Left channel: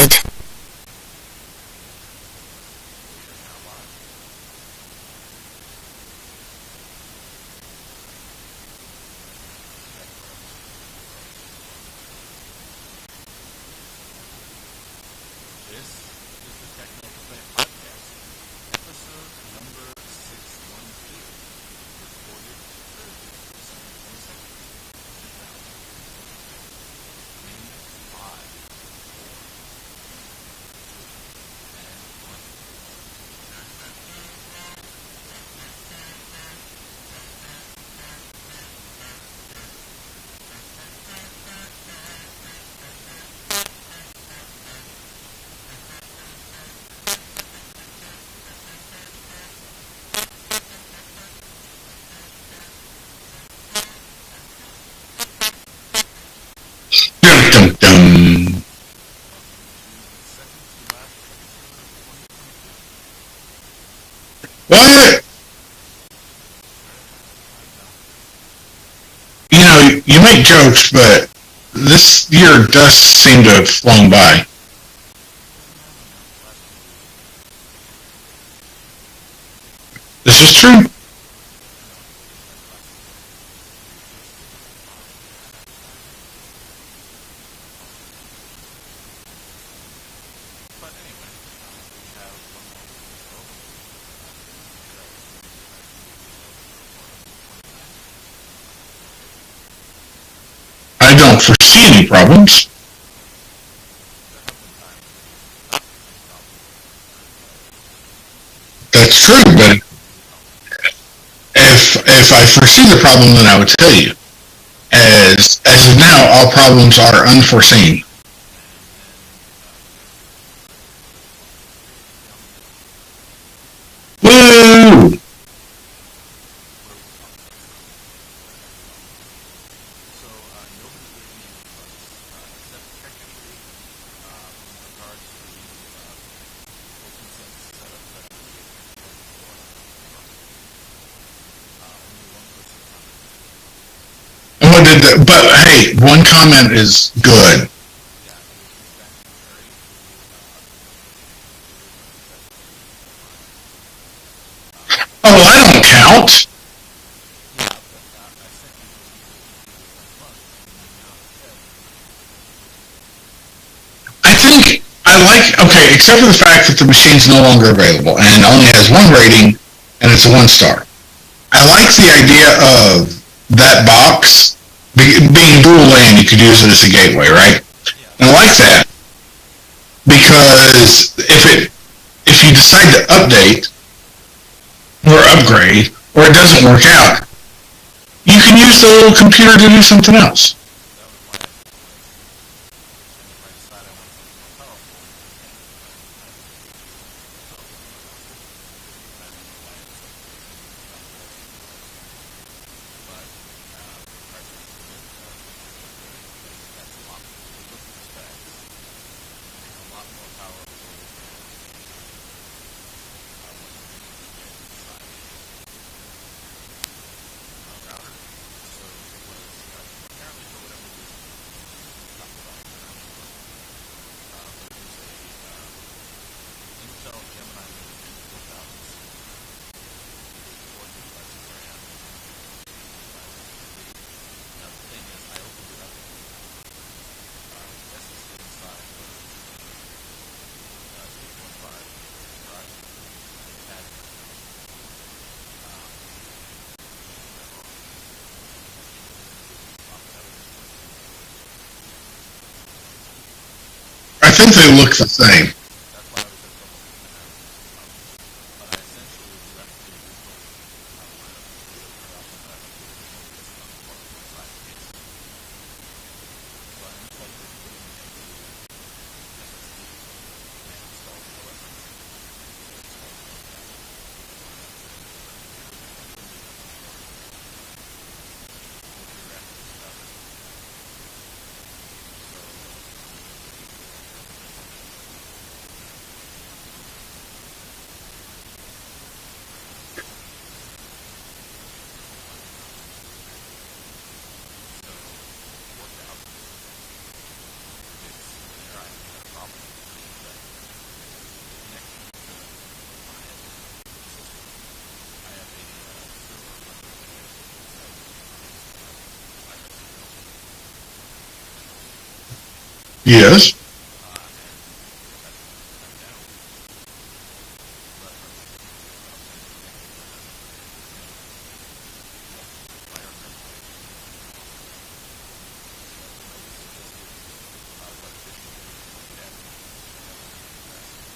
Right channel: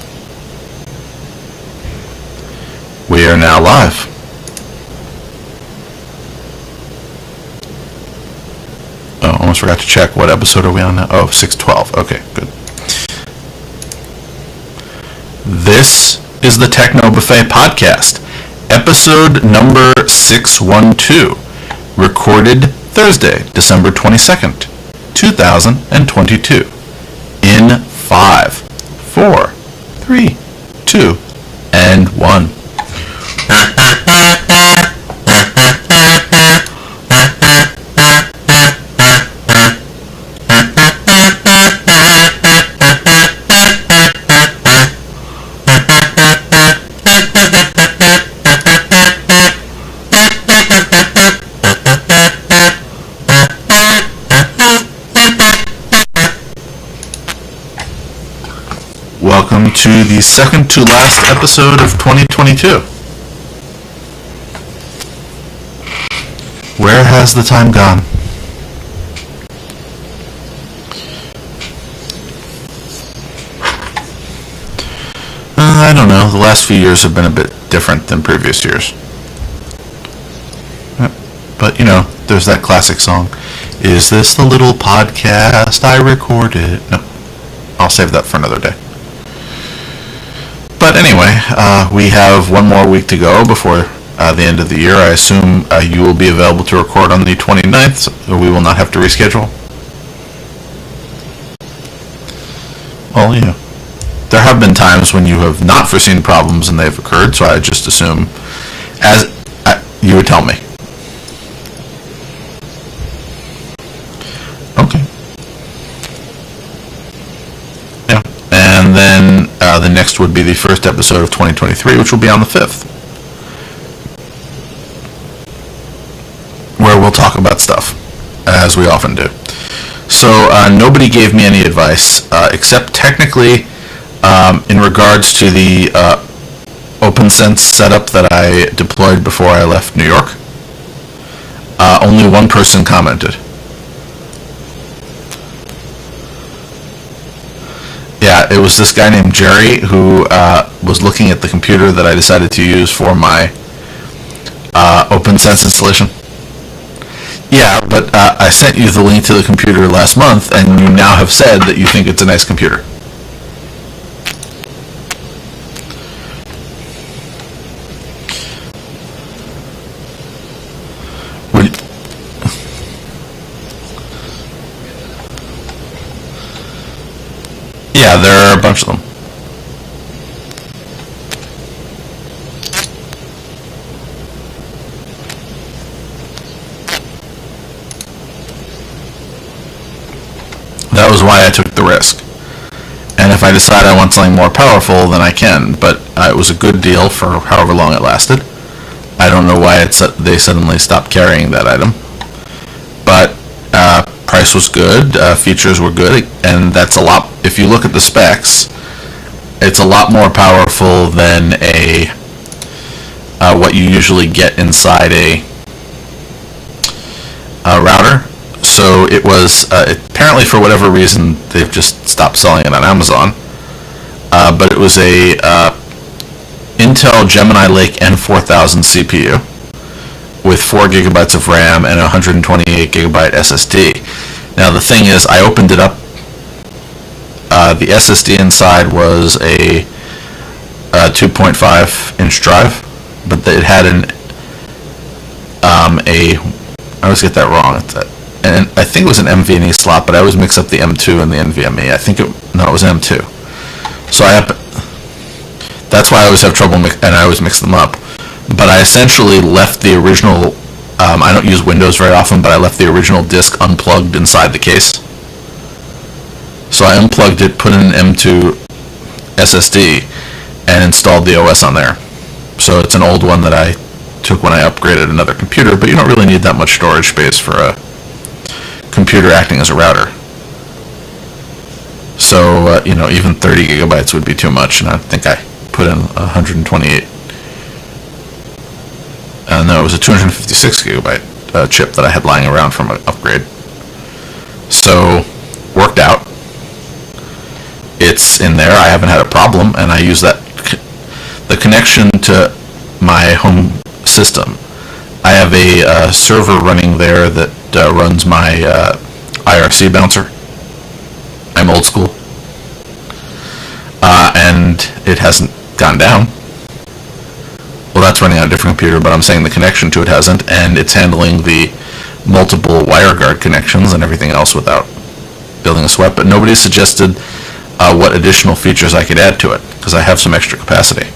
connected. We are now live. Oh, almost forgot to check. What episode are we on now? Oh, 612. Okay, good. This is the Techno Buffet podcast, episode number 612, recorded Thursday, December 22nd, 2022, in 5, 4, 3, 2, and 1. Welcome to the second to last episode of 2022. What? Where has the time gone? You know, you make jokes, but this year does seem to have flown by. I don't know. The last few years have been a bit different than previous years. This is true. But, you know, there's that classic song. Is this the little podcast I recorded? No, I'll save that for another day. But anyway, we have one more week to go before the end of the year. I assume you will be available to record on the 29th, so we will not have to reschedule. I don't foresee any problems. Well, you know, there have been times when you have not foreseen problems and they've occurred, so I just assume That's true, but you would tell me. if I foresee the problem, then I would tell you. Okay. As of now, all problems are unforeseen. Yeah. And then the next would be the first episode of 2023, which will be on the 5th. Woo! Where we'll talk about stuff, as we often do. So nobody gave me any advice, except technically in regards to the OpenSense setup that I deployed before I left New York. Only one person commented. But hey, one comment is good. Yeah, it was this guy named Jerry who was looking at the computer that I decided to use for my OpenSense installation. Count? Yeah, but I sent you the link to the computer last month, and you now have said that you think it's a nice computer. I think okay, except for the fact that the machine's no longer available and only has one rating, and it's a 1-star. I like the idea of that box being dual LAN. You could use it as a gateway, right? Yeah, there are a bunch of them. Because if you decide to update or upgrade, or it doesn't work out, you can use the little computer to do something else. That was why I took the risk. And if I decide I want something more powerful, then I can. But it was a good deal for however long it lasted. I don't know why they suddenly stopped carrying that item. But price was good, features were good, and that's a lot. If you look at the specs, it's a lot more powerful than what you usually get inside a router. So it was apparently, for whatever reason, they've just stopped selling it on Amazon. But it was a Intel Gemini Lake N4000 CPU with 4 gigabytes of RAM and a 128 gigabyte SSD. Now the thing is, I opened it up. The SSD inside was a 2.5 inch drive, but it had I always get that wrong. And I think it was an NVMe slot, but I always mix up the M2 and the NVMe. It was an M2. So I think they look the same. That's why I always have trouble, and I always mix them up. But I essentially left the original, I don't use Windows very often, but I left the original disk unplugged inside the case. So I unplugged it, put in an M2 SSD, and installed the OS on there. So it's an old one that I took when I upgraded another computer, but you don't really need that much storage space for a computer acting as a router. So, even 30 gigabytes would be too much, and I think I put in 128. No, it was a 256 gigabyte chip that I had lying around from an upgrade. So, worked out. it's in there. I haven't had a problem, and I use that the connection to my home system. I have a server running there that runs my IRC bouncer. I'm old school. Yes. And it hasn't gone down. Well, that's running on a different computer, but I'm saying the connection to it hasn't, and it's handling the multiple WireGuard connections and everything else without building a sweat. But nobody suggested what additional features I could add to it, because I have some extra capacity.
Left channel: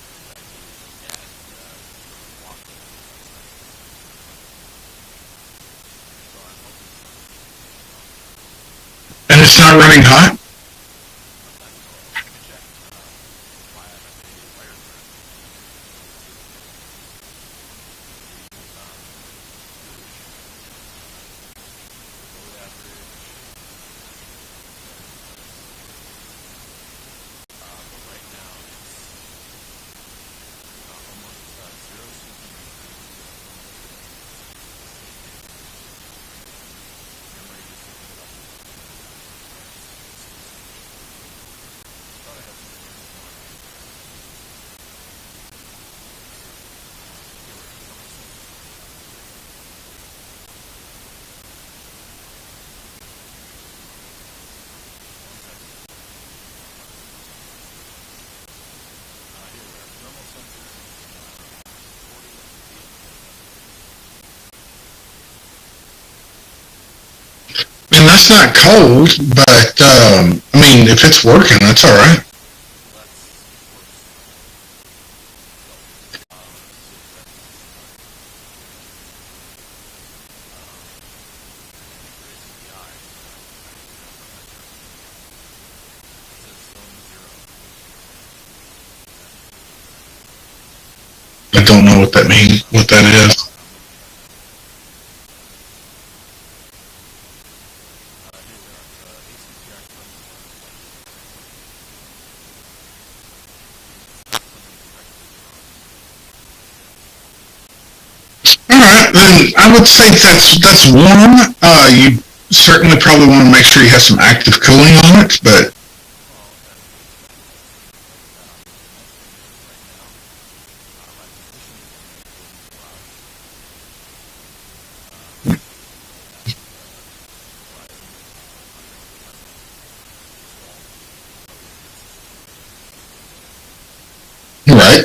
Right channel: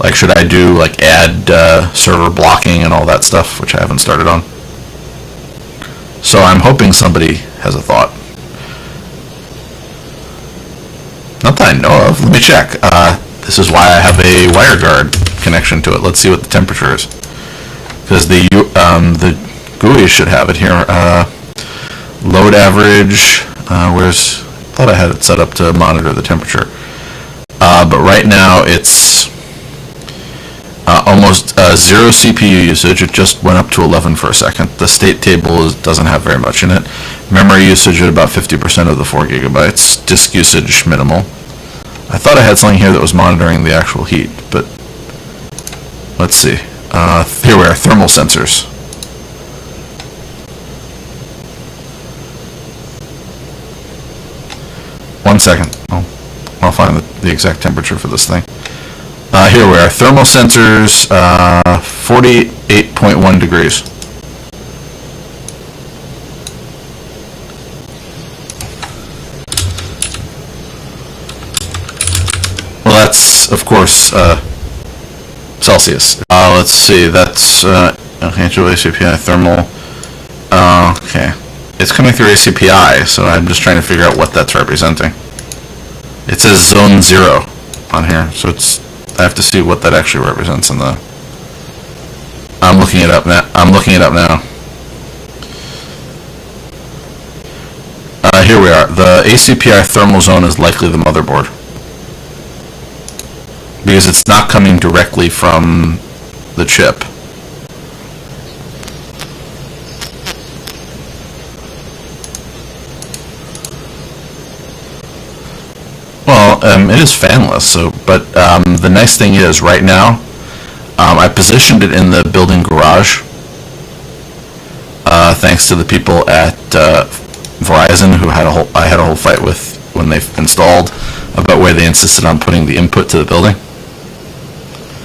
Like, should I do, like, add server blocking and all that stuff, which I haven't started on. So I'm hoping somebody has a thought. And it's not running hot? Not that I know of. Let me check. This is why I have a WireGuard connection to it. Let's see what the temperature is. Because the GUI should have it here. Load average. Where's... I thought I had it set up to monitor the temperature. But right now it's almost zero CPU usage. It just went up to 11 for a second. The state table doesn't have very much in it. Memory usage at about 50% of the 4 gigabytes. Disk usage minimal. I thought I had something here that was monitoring the actual heat, but let's see. Here we are, thermal sensors. One second. I'll find the exact temperature for this thing. Here we are, thermal sensors, 48.1 degrees. And that's not cold, but, I mean, if it's working, that's all right. Well, that's, of course, Celsius. Let's see, that's, actual ACPI thermal. Okay. It's coming through ACPI, so I'm just trying to figure out what that's representing. It says zone 0 on here, so I have to see what that actually represents in the... I don't know what that means. I'm looking it up now. Here we are. The ACPI thermal zone is likely the motherboard, because it's not coming directly from the chip. All right, then I would say that's warm. You certainly probably want to make sure you have some active cooling on it, but... Well, it is fanless, so, but the nice thing is, right now, I positioned it in the building garage, thanks to the people at Verizon, who I had a whole fight with when they installed, about where they insisted on putting the input to the building. Right.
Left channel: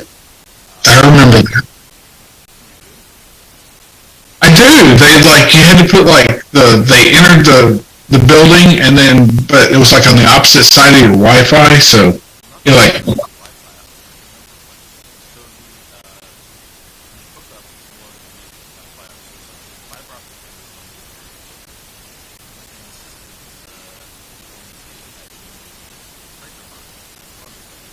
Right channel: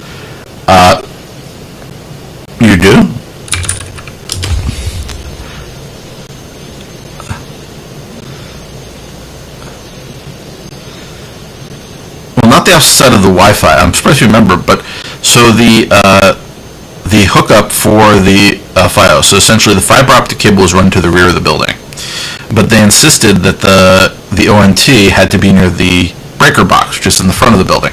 I remember that. You do? I do. You had to put, they entered the building, and then, but it was, on the opposite side of your Wi-Fi, so... Well, not the opposite side of the Wi-Fi. I'm surprised you remember, but, so the hookup for the FiOS, so essentially the fiber optic cable was run to the rear of the building. But they insisted that the ONT had to be near the breaker box, just in the front of the building.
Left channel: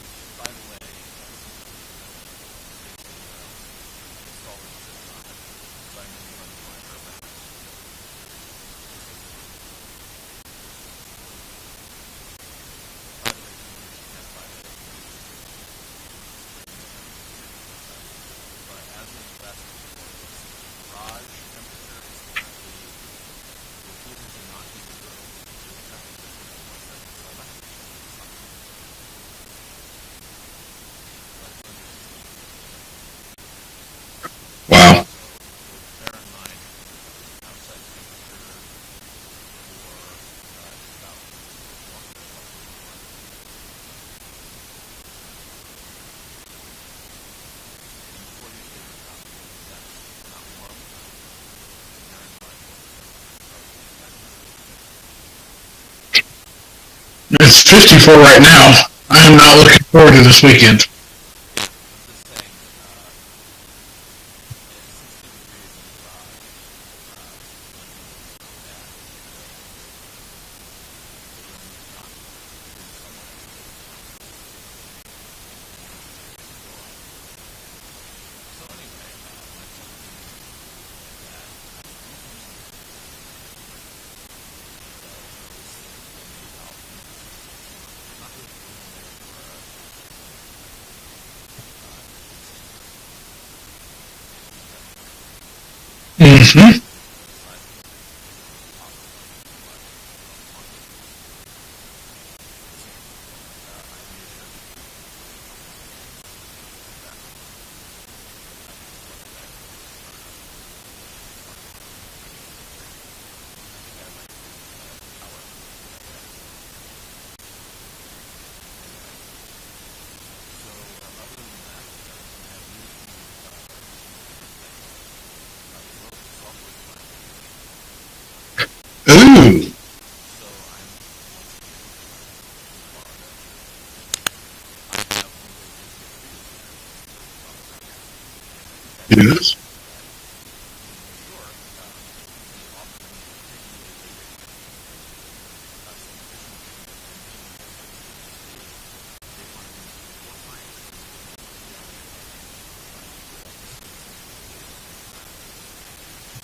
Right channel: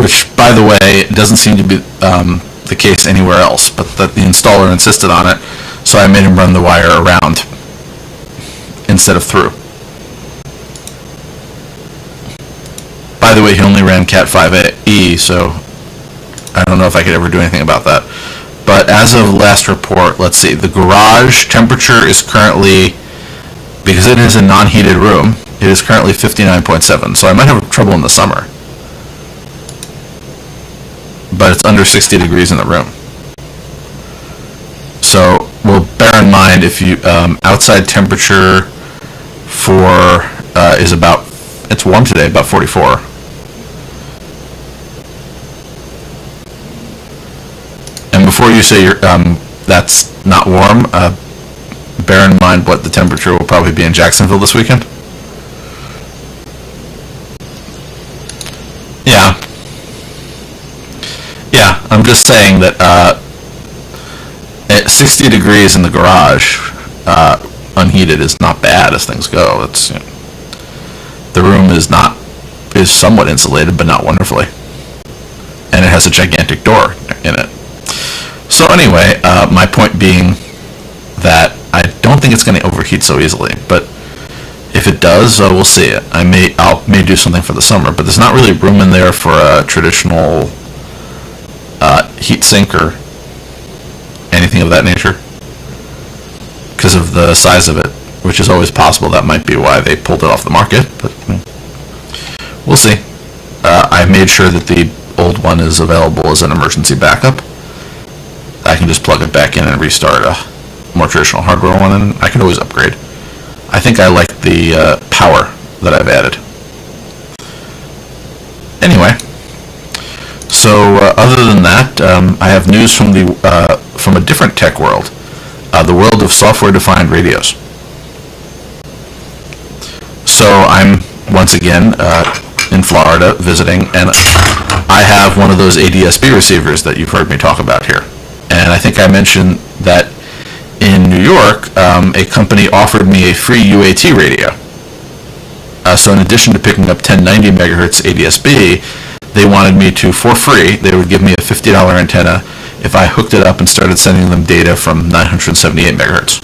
Which, by the way, doesn't seem to be the case anywhere else, but that the installer insisted on it, so I made him run the wire around instead of through. By the way, he only ran Cat 5e, so I don't know if I could ever do anything about that. But as of last report, let's see, the garage temperature is currently, because it is a non-heated room, it is currently 59.7, so I might have trouble in the summer. But it's under 60 degrees in the room. Wow. So, well, bear in mind, if you, outside temperature for, is about, it's warm today, about 44. And before you say that's not warm, bear in mind what the temperature will probably be in Jacksonville this weekend. It's 54 right now. Yeah. I'm not looking forward to this weekend. Yeah, I'm just saying that at 60 degrees in the garage, unheated is not bad as things go. It's the room is somewhat insulated, but not wonderfully, and it has a gigantic door in it. So anyway, my point being that I don't think it's going to overheat so easily, but if it does, we'll see it. I may do something for the summer, but there's not really room in there for a traditional heat sink or anything of that nature, because of the size of it. which is always possible. That might be why they pulled it off the market, but we'll see. I made sure that the old one is available as an emergency backup. I can just plug it back in and restart a more traditional hardware one, and I can always upgrade. I think I like the power that I've added. Anyway, so other than that, I have news from a different tech world, the world of software-defined radios. Ooh. So I'm once again in Florida visiting, and I have one of those ADSB receivers that you've heard me talk about here. And I think I mentioned that in New York, a company offered me a free UAT radio. So in addition to picking up 1090 megahertz ADSB, they wanted me to, for free, they would give me a $50 antenna if I hooked it up and started sending them data from 978 megahertz.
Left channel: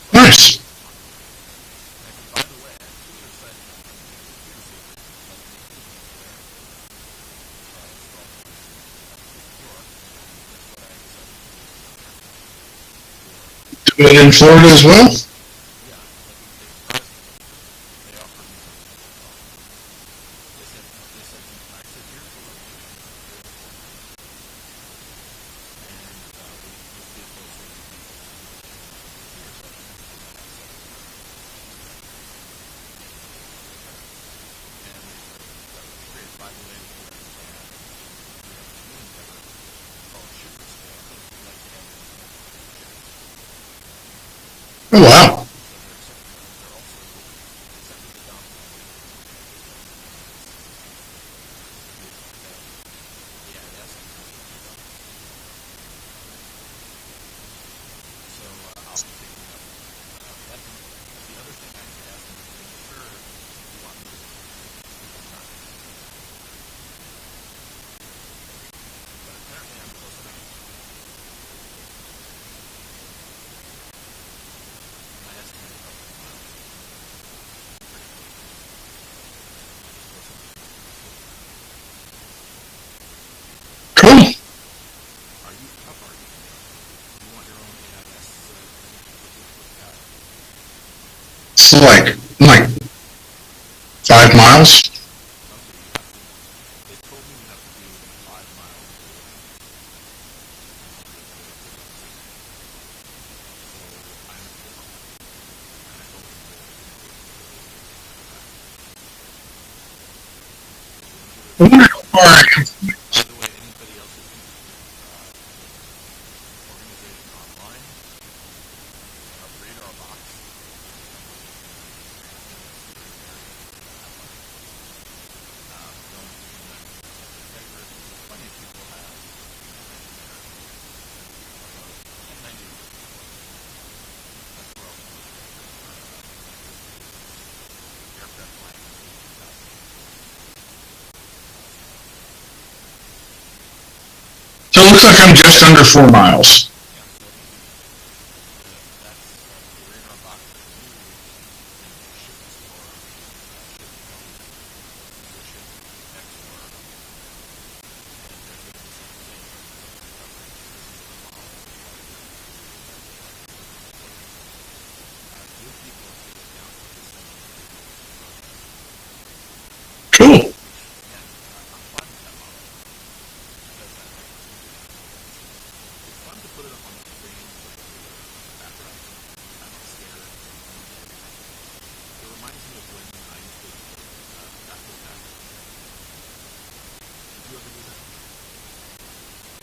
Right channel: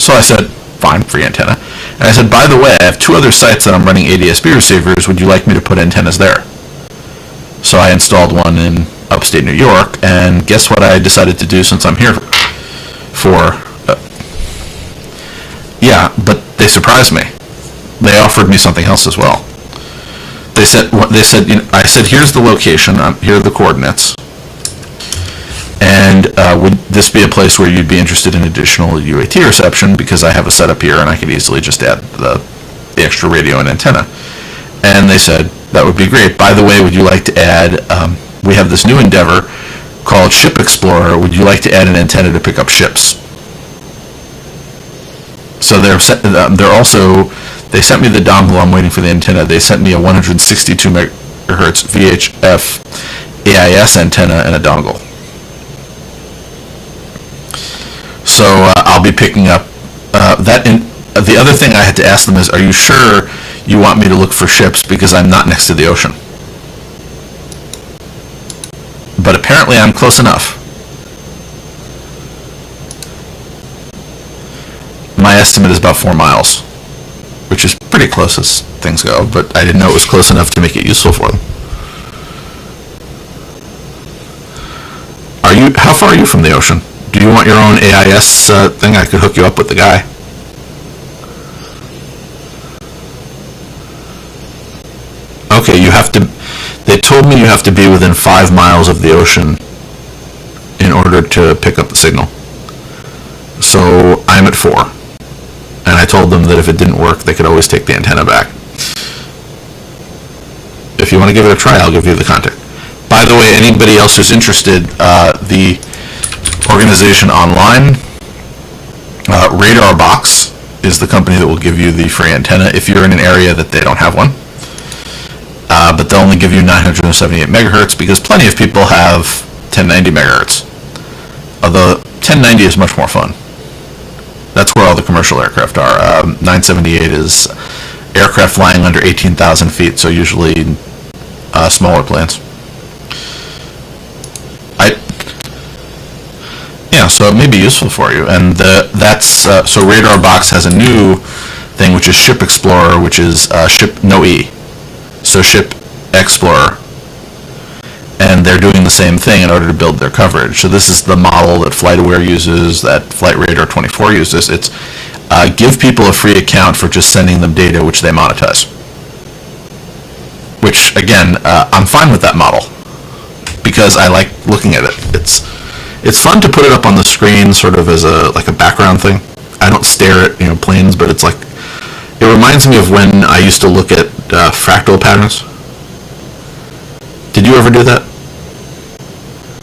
So I said, fine, free antenna. And I said, by the way, I have 2 other sites that I'm running ADSB receivers. Would you like me to put antennas there? So I installed one in upstate New York, and guess what I decided to do since I'm here for... in Florida as well? Yeah, but they surprised me. They offered me something else as well. They said, I said, here's the location, here are the coordinates, and would this be a place where you'd be interested in additional UAT reception, because I have a setup here and I could easily just add the extra radio and antenna. And they said, that would be great. By the way, would you like to add, we have this new endeavor called Ship Explorer, would you like to add an antenna to pick up ships? Oh, wow. So they're also, they sent me the dongle, I'm waiting for the antenna. They sent me a 162 megahertz VHF AIS antenna and a dongle. So I'll be picking up that. The other thing I had to ask them is, are you sure you want me to look for ships, because I'm not next to the ocean? But apparently I'm close enough. My estimate is about 4 miles, which is pretty close as things go, but I didn't know it was close enough to make it useful for them. Cool. How far are you from the ocean? Do you want your own AIS thing? I could hook you up with the guy. It's like 5 miles. Okay, they told me you have to be within 5 miles of the ocean in order to pick up the signal. So I'm at 4. And I told them that if it didn't work, they could always take the antenna back. If you want to give it a try, I'll give you the contact. By the way, anybody else who's interested, the organization online, Radar Box, is the company that will give you the free antenna if you're in an area that they don't have one. But they'll only give you 978 megahertz, because plenty of people have 1090 megahertz. Although 1090 is much more fun. That's where all the commercial aircraft are. 978 is aircraft flying under 18,000 feet, so usually smaller planes. So it looks like I'm just under 4 miles. Yeah, so it may be useful for you. And so Radar Box has a new thing, which is Ship Explorer, which is Ship No E. So Ship Explorer. And they're doing the same thing in order to build their coverage. So this is the model that FlightAware uses, that Flight Radar 24 uses. It's give people a free account for just sending them data, which they monetize. Cool. Which, again, I'm fine with that model, because I like looking at it. It's fun to put it up on the screen, sort of as a background thing. I don't stare at planes, but it's like, it reminds me of when I used to look at fractal patterns. Did you ever do that?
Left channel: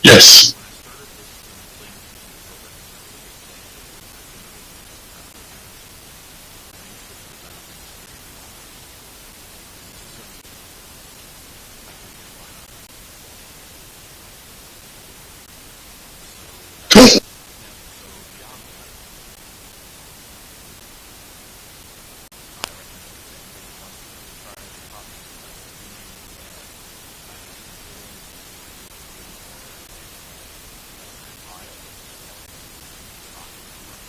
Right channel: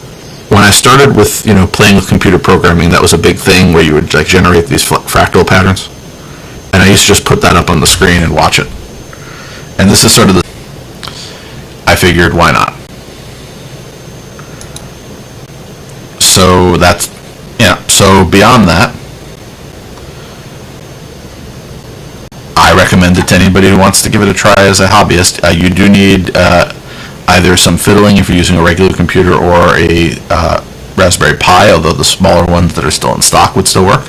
Yes. When I started with playing with computer programming, that was a big thing where you would generate these fractal patterns, and I used to just put that up on the screen and watch it. And this is sort of I figured, why not? So that's So beyond that, I recommend it to anybody who wants to give it a try as a hobbyist. You do need either some fiddling if you're using a regular computer, or a Raspberry Pi, although the smaller ones that are still in stock would still work.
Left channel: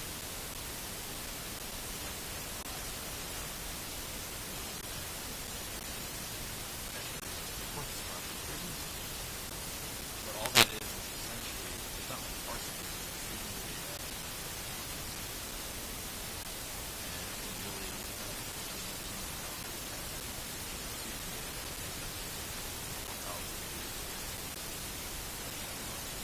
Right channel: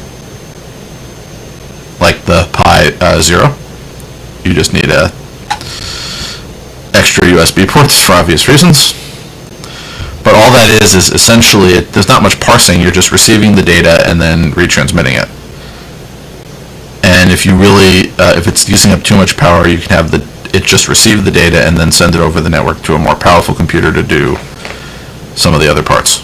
Like the Pi Zero. You just need a extra USB ports for obvious reasons. But all that is essentially, there's not much parsing. You're just receiving the data and then retransmitting it. And if you really, if it's using up too much power, you can have it just receive the data and then send it over the network to a more powerful computer to do some of the other parts.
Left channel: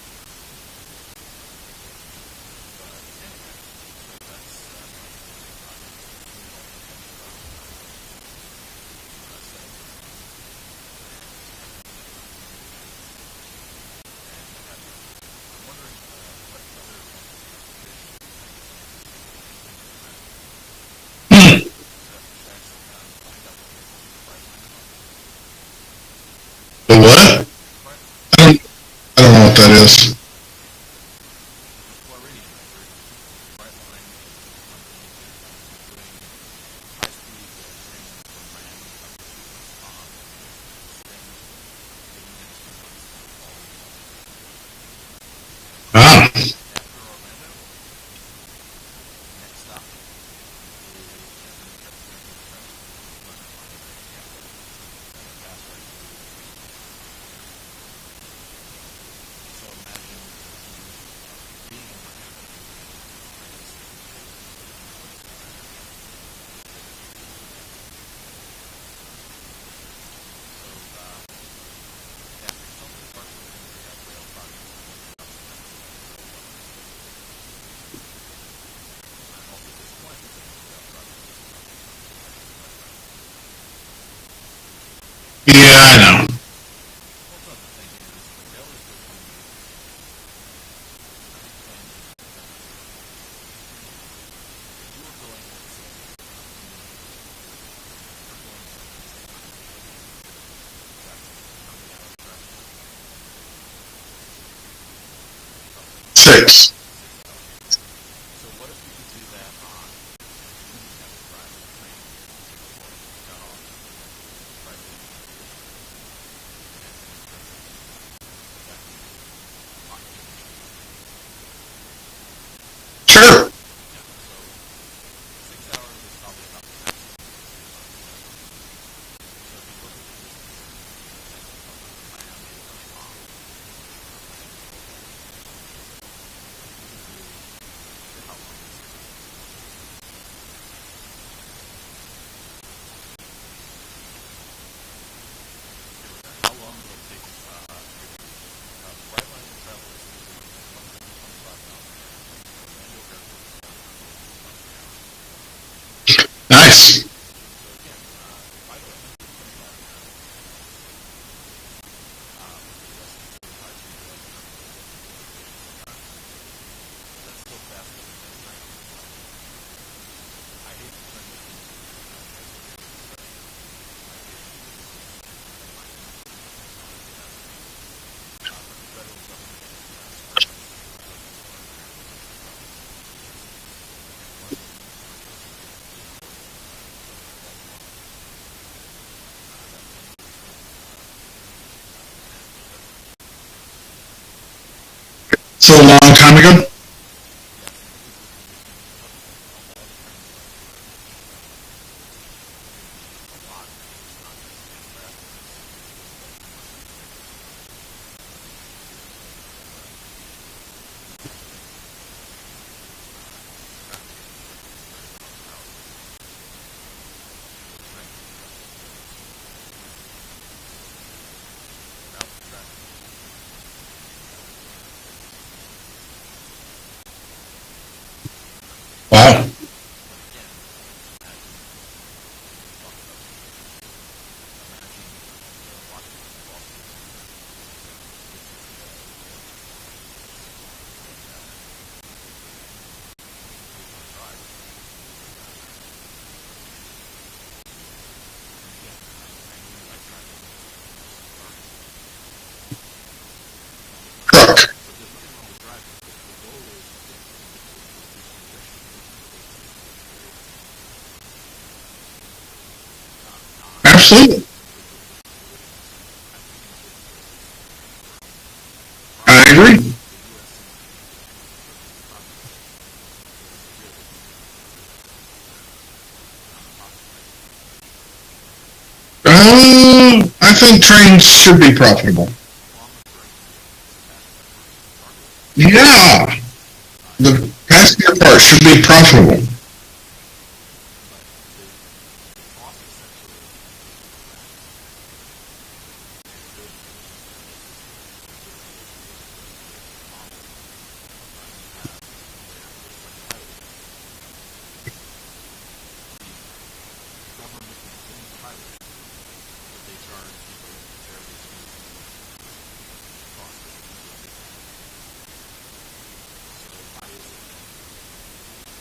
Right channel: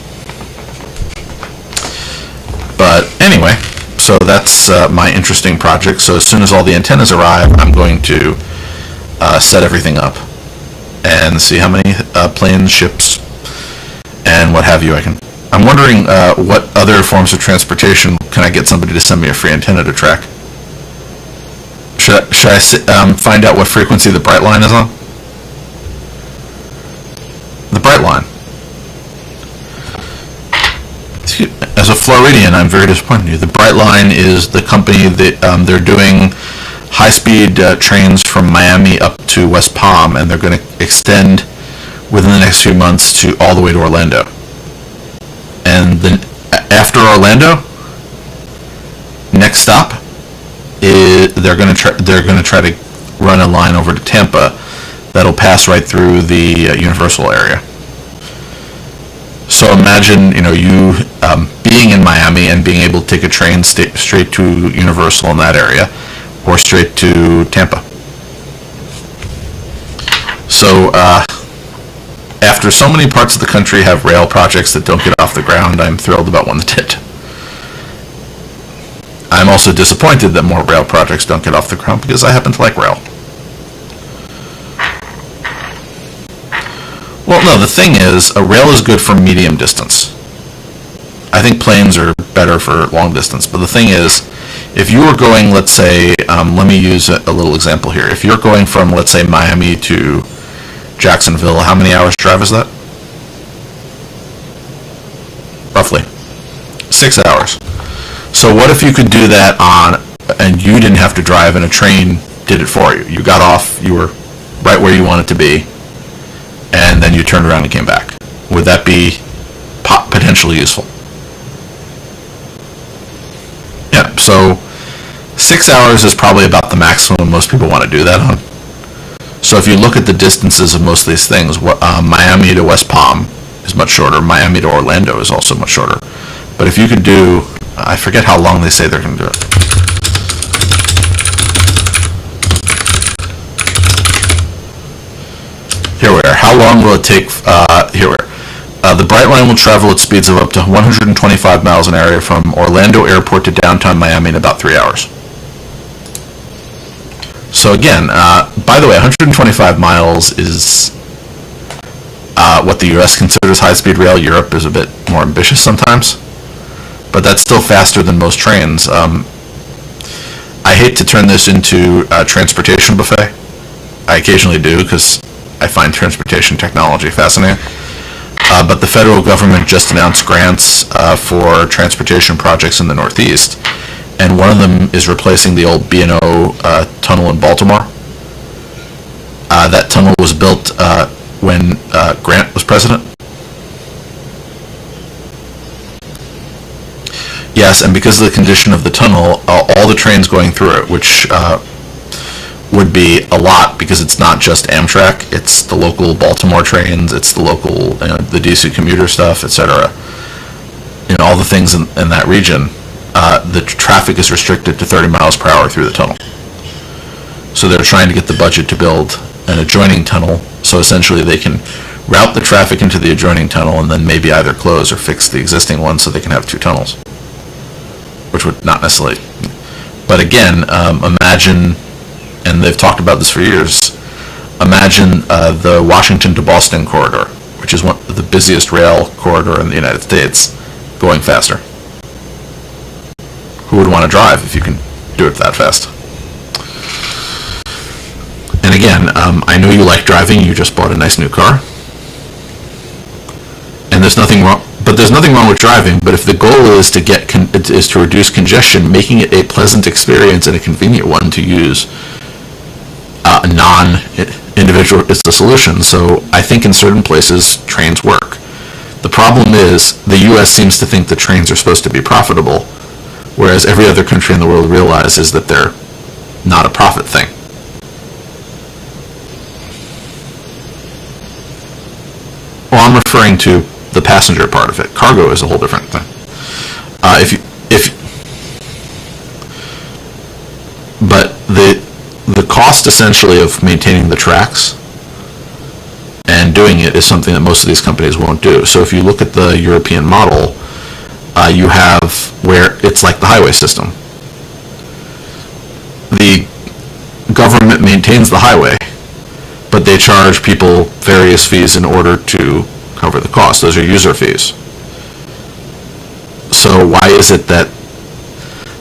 But anyway, so that's my interesting project. So as soon as all the antennas arrive, I'm going to set everything up and see how many planes, ships, and what have you I'm wondering what other forms of transportation can I get somebody to send me a free antenna to track? Should I find out what frequency the bright line is on? The what? The bright line. I don't know what that is. As a Floridian, I'm very disappointed in you. The bright line is the company that they're doing high-speed trains from Miami up to West Palm, and they're going to extend within the next few months to all the way to Orlando. And after Orlando, next stop is they're going to try to run a line over to Tampa that'll pass right through the Universal area. So imagine, you being in Miami and being able to take a train straight to Universal in that area, or straight to Tampa. So after so many parts of the country have rail projects that don't get off the ground, I'm thrilled about one that did. I'm also disappointed that more rail projects don't get off the ground because I happen to like rail. Yeah, I know. Well, no, the thing is, a rail is good for medium distance. I think planes are better for long distance, but the thing is, if you were going, let's say, let me use a little example here. If you're going from, let's say, Miami to Jacksonville, how many hours drive is that? Roughly. 6. 6 hours. So what if you could do that and you didn't have to drive and a train did it for you? You got off, you were right where you wanted to be, and then you turned around and came back. Would that be potentially useful? Sure. Yeah, so 6 hours is probably about the maximum most people want to do that on. So if you look at the distances of most of these things, Miami to West Palm is much shorter. Miami to Orlando is also much shorter. But if you could do, I forget how long they say they're going to do it. Here we are. How long will it take? Here we are. The Bright Line will travel at speeds of up to 125 miles an hour from Orlando Airport to downtown Miami in about 3 hours. Nice. So again, by the way, 125 miles is what the U.S. considers high-speed rail. Europe is a bit more ambitious sometimes, but that's still faster than most trains. I hate to turn this into a transportation buffet. I occasionally do because I find transportation technology fascinating. But the federal government just announced grants for transportation projects in the Northeast, and one of them is replacing the old B&O tunnel in Baltimore. That tunnel was built when Grant was president. So a long time ago? Yes, and because of the condition of the tunnel, all the trains going through it, which would be a lot because it's not just Amtrak, it's the local Baltimore trains, it's the local, the DC commuter stuff, etc. All the things in that region, the traffic is restricted to 30 miles per hour through the tunnel. So they're trying to get the budget to build an adjoining tunnel, so essentially they can route the traffic into the adjoining tunnel and then maybe either close or fix the existing one so they can have two tunnels, which would not necessarily happen. But again, imagine, and they've talked about this for years, imagine the Washington to Boston corridor, which is one of the busiest rail corridor in the United States, going faster. Who would want to drive if you can do it that fast? And again, I know you like driving. You just bought a nice new car, and there's nothing wrong. But there's nothing wrong with driving. But if the goal is to reduce congestion, making it a pleasant experience and a convenient one to use, non-individual is the solution. So I think in certain places trains work. The problem is the U.S. seems to think that trains are supposed to be profitable, whereas every other country in the world realizes that they're not a profit thing. I think trains should be profitable. Well, I'm referring to the passenger part of it. Cargo is a whole different thing. The passenger part should be profitable. But the cost essentially of maintaining the tracks and doing it is something that most of these companies won't do. So if you look at the European model, you have where it's like the highway system. The government maintains the highway, but they charge people various fees in order to cover the cost. Those are user fees. So why is it that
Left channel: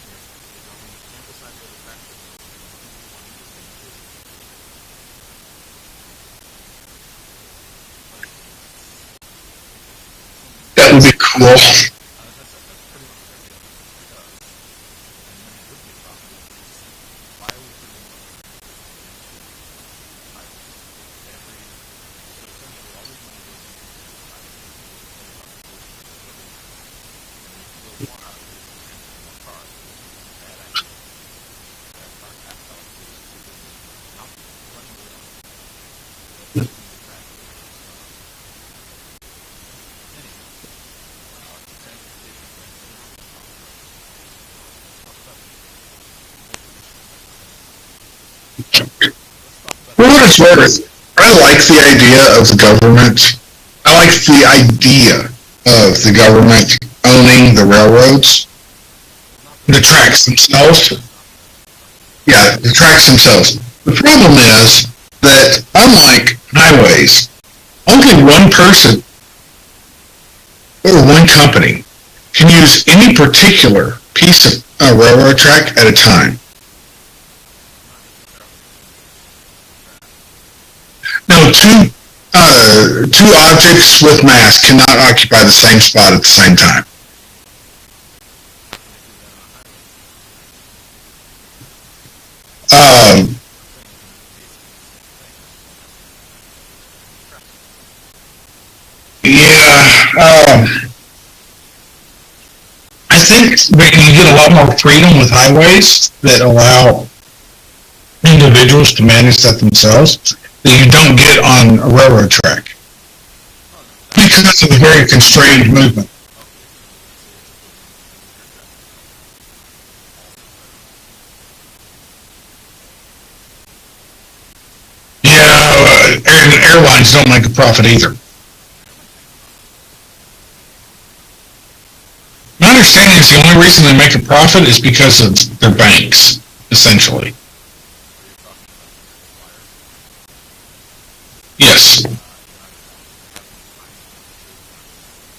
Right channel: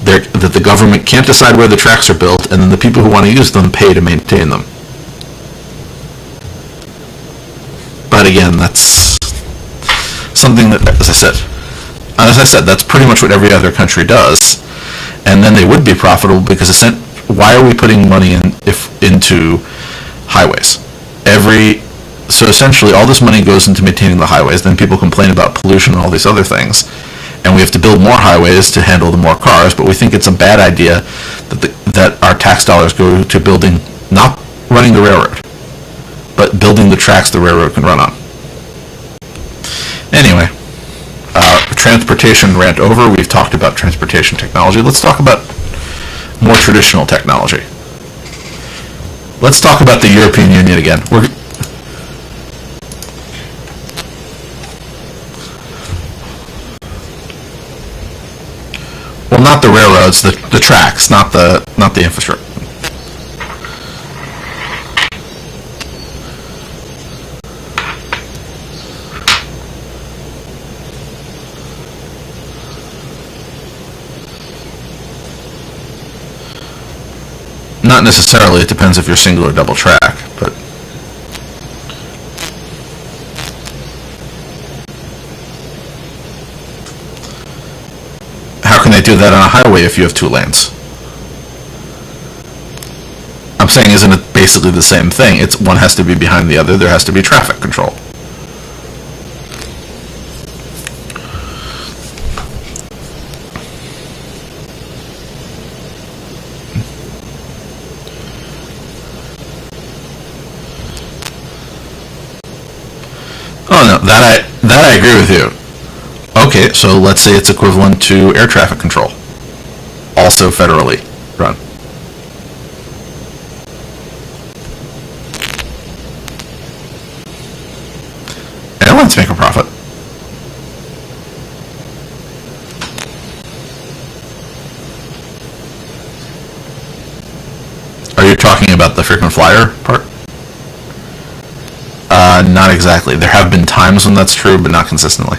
the government can't decide where the tracks are built, and then the people who want to use them pay to maintain them? But again, that's something that, as I said, that's pretty much what every other country does. And then they would be profitable because why are we putting money into highways? So essentially all this money goes into maintaining the highways, then people complain about pollution and all these other things, and we have to build more highways to handle the more cars, but we think it's a bad idea that our tax dollars go to building, not running the railroad, but building the tracks the railroad can run on. Anyway, transportation rant over. We've talked about transportation technology. Let's talk about more traditional technology. Let's talk about the European Union again. I like the idea of the government. I like the idea of the government owning the railroads. Well, not the railroads, the tracks, not the infrastructure. Yeah, the tracks themselves. The problem is that, unlike highways, only one person or one company can use any particular piece of railroad track at a time. Not necessarily. It depends if you're single or double track, but no, two objects with mass cannot occupy the same spot at the same time. How can they do that on a highway if you have two lanes? I'm saying, isn't it basically the same thing? One has to be behind the other. There has to be traffic control. Yeah. I think you get a lot more freedom with highways that allow individuals to manage that themselves that you don't get on a railroad track. Oh no, that I agree with you. Movement. Okay, so let's say it's equivalent to air traffic control, also federally run. Yeah, airlines don't make a profit either. Airlines make a profit. My understanding is the only reason they make a profit is because of their banks, essentially. Are you talking about the frequent flyer part? Yes. Not exactly. There have been times when that's true, but not consistently.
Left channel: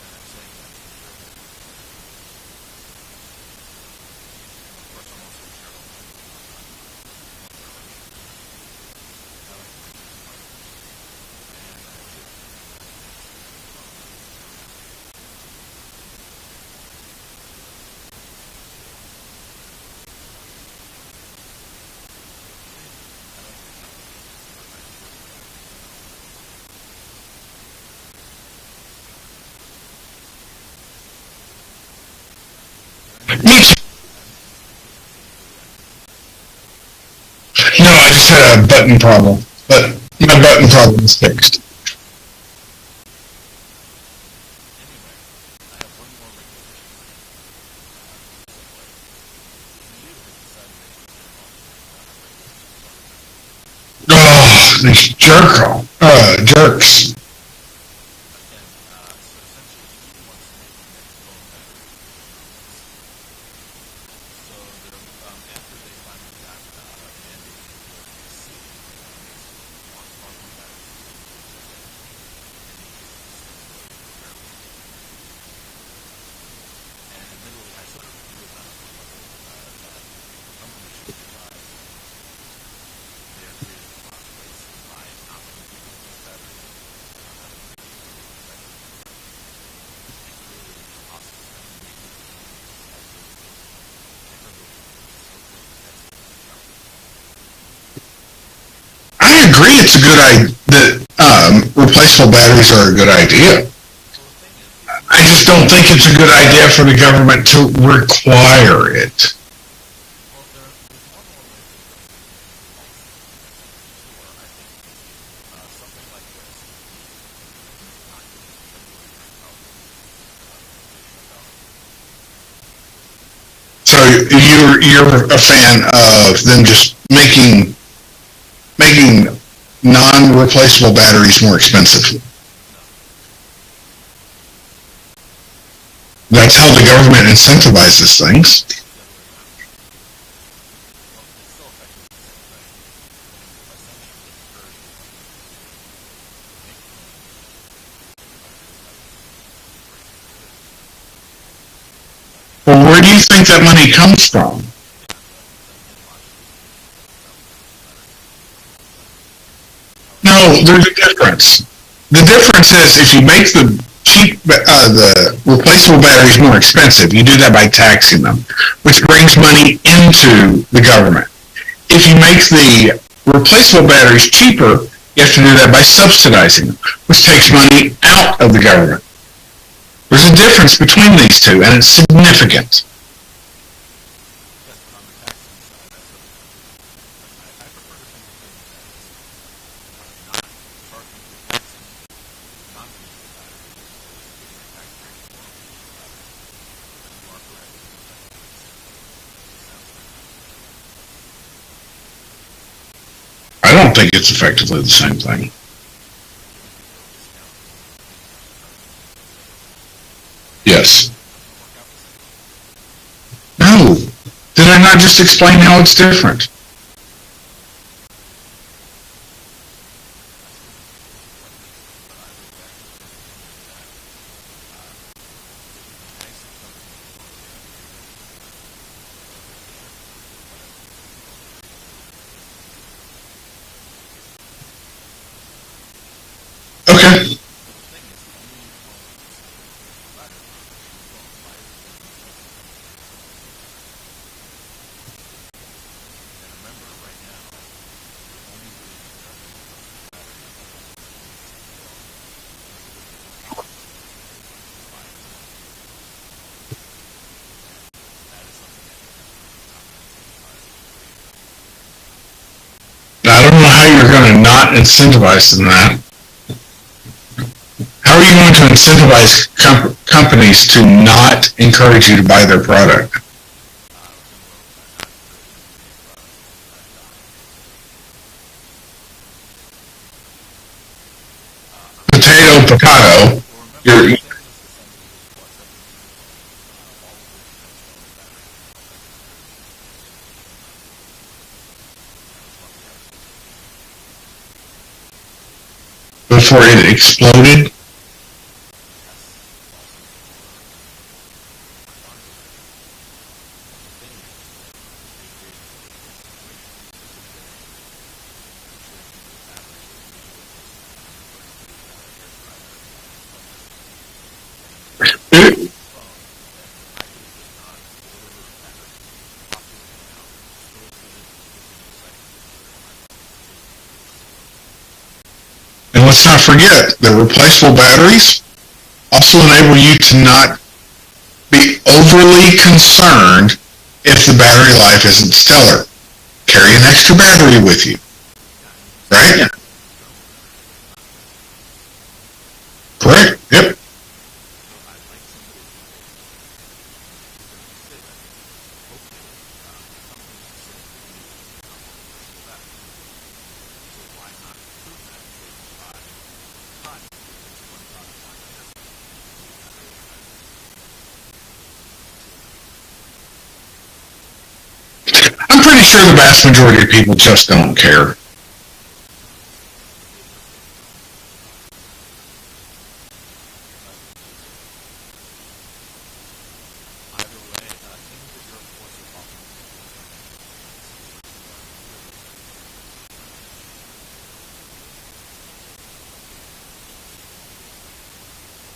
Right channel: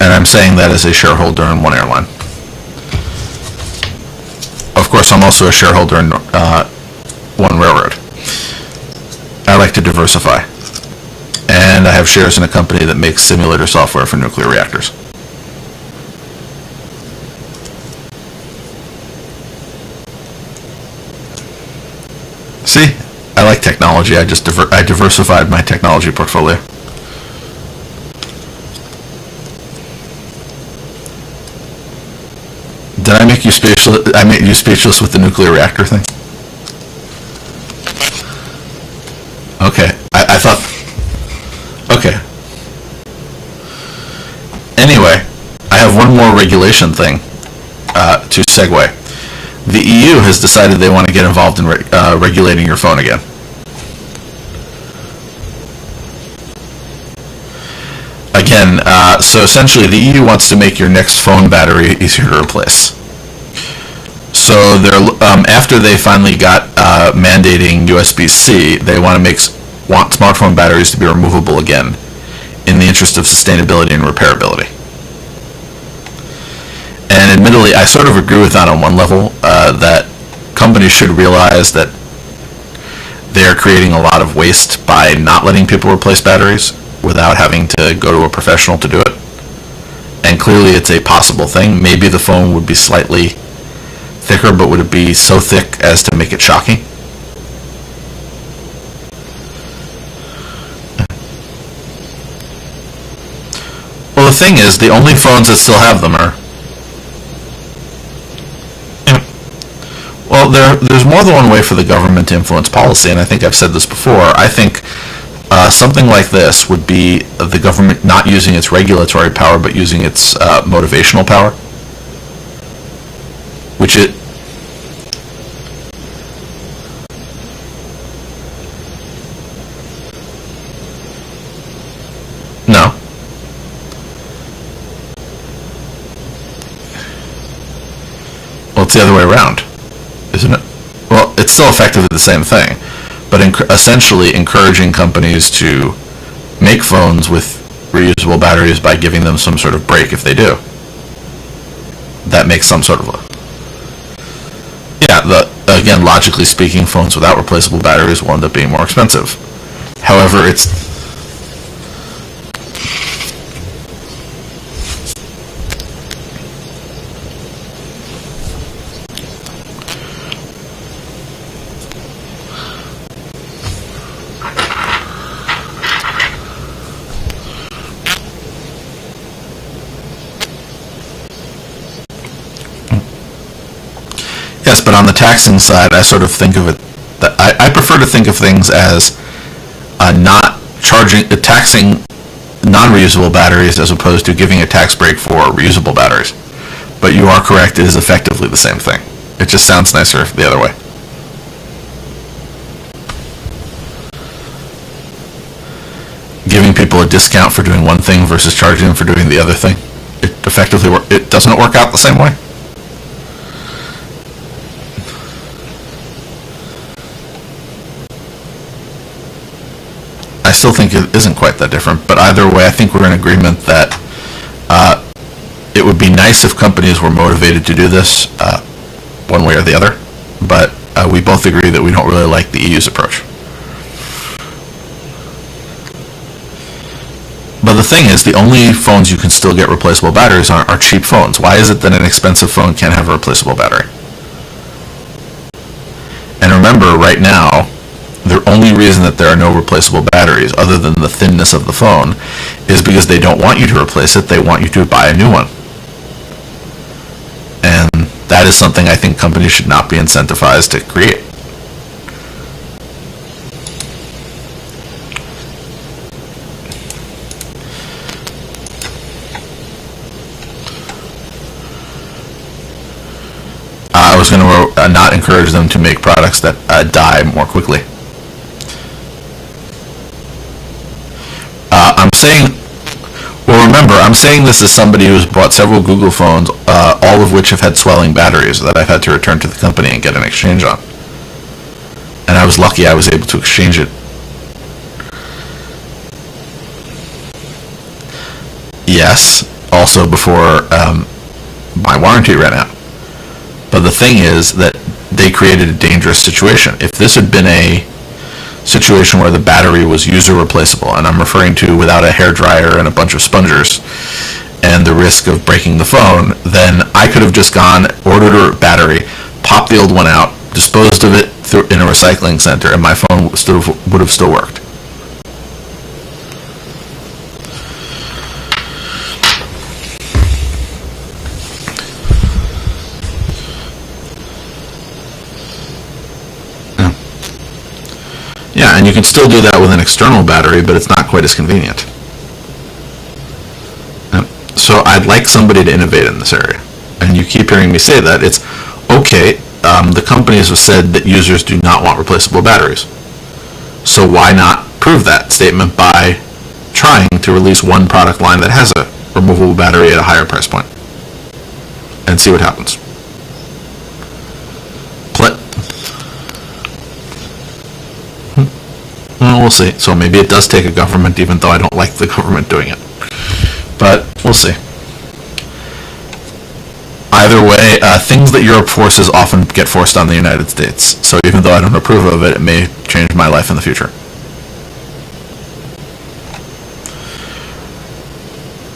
And I'm saying that as a shareholder in one airline. Of course, I'm also a shareholder in one railroad. I like to diversify. And I have shares in a company that makes simulator software for nuclear reactors. See, I like technology. I just I diversified my technology portfolio. Did I make you speechless? I made you speechless with the nuclear reactor thing? No, I just had a button problem. Okay. My button problem is fixed. Okay. Anyway, I have one more regulation thing to segue. The EU has decided they want to get involved in regulating your phone again. Oh, these jerks. Again, so essentially the EU wants to make your next phone battery easier to replace. So they're after they finally got mandating USB-C, they want smartphone batteries to be removable again in the interest of sustainability and repairability. And admittedly, I sort of agree with that on one level, that companies should realize that they're creating a lot of waste by not letting people replace batteries without having to go to a professional to do it. And clearly it's a possible thing. Maybe the phone would be slightly thicker, but would it be so thick as to make it shocking? I agree it's a good idea that replaceable batteries are a good idea. Well, the thing is, the only phones that still have them I just don't think it's a good idea for the government to require it. Well, there's more than one way for the government to influence policy, and I think I've said this before. I think something like this would be the government not using its regulatory power, but using its motivational power. Which So you're a fan of them just making non-replaceable batteries more expensive. no. That's how the government incentivizes things. Well, it's the other way around, isn't it? Well, it's still effectively the same thing, but essentially encouraging companies to make phones with reusable batteries by giving them some sort of break if they do. That makes some Well, sort where of... do you think that money comes from? Yeah, again, logically speaking, phones without replaceable batteries will end up being more expensive. However, No, there's a difference. The difference is if you make the replaceable batteries more expensive, you do that by taxing them, which brings money into the government. If you make the replaceable batteries cheaper, you have to do that by subsidizing, which takes money out of the government. There's a difference between these two, and it's significant. yes, but on the taxing side, I sort of think of it that I prefer to think of things as not taxing non-reusable batteries as opposed to giving a tax break for reusable batteries. But you are correct, it is effectively the same thing. It just sounds nicer the other way. I don't think it's effectively the same thing. Giving people a discount for doing one thing versus charging them for doing the other thing, it effectively Yes. it doesn't work out the same way. No. Did I not just explain how it's different? I still think it isn't quite that different, but either way, I think we're in agreement that it would be nice if companies were motivated to do this one way or the other, but we both agree that we don't really like the EU's approach. Okay. But the thing is, the only phones you can still get replaceable batteries on are cheap phones. Why is it that an expensive phone can't have a replaceable battery? And remember, right now, the only reason that there are no replaceable batteries, other than the thinness of the phone, is because they don't want you to replace it, they want you to buy a new one. And that is something I think companies should not be incentivized to create. I don't know how you're going to not incentivize them that. How are you going to incentivize companies to not encourage you to buy their product? I was going to not encourage them to make products that die more quickly. I'm saying, Potato. well, remember, I'm saying this as somebody who's bought several Google phones, all of which have had swelling batteries that I've had to return to the company and get an exchange on. And I was lucky I was able to exchange it. Before it exploded? Yes, also before my warranty ran out. But the thing is that they created a dangerous situation. If this had been a situation where the battery was user replaceable, and I'm referring to without a hairdryer and a bunch of spongers, and the risk of breaking the phone, then I could have just gone, ordered a battery, popped the old one out, disposed of it in a recycling center, and my phone would have still worked. And let's not forget, the replaceable batteries also enable you to not be overly concerned if the battery life isn't stellar. Carry an extra battery with you. Yeah, and you can still do that with an external battery, but it's not quite as convenient. Correct? Yep. So I'd like somebody to innovate in this area. And you keep hearing me say that. It's, okay, the companies have said that users do not want replaceable batteries. So why not prove that statement by trying to release one product line that has a removable battery at a higher price point? And see what happens. I'm pretty sure the vast majority of people just don't care. Well, we'll see. So maybe it does take a government, even though I don't like the government doing it. But we'll see. Either way, things that Europe forces often get forced on the United States. So even though I don't approve of it, it may change my life in the future.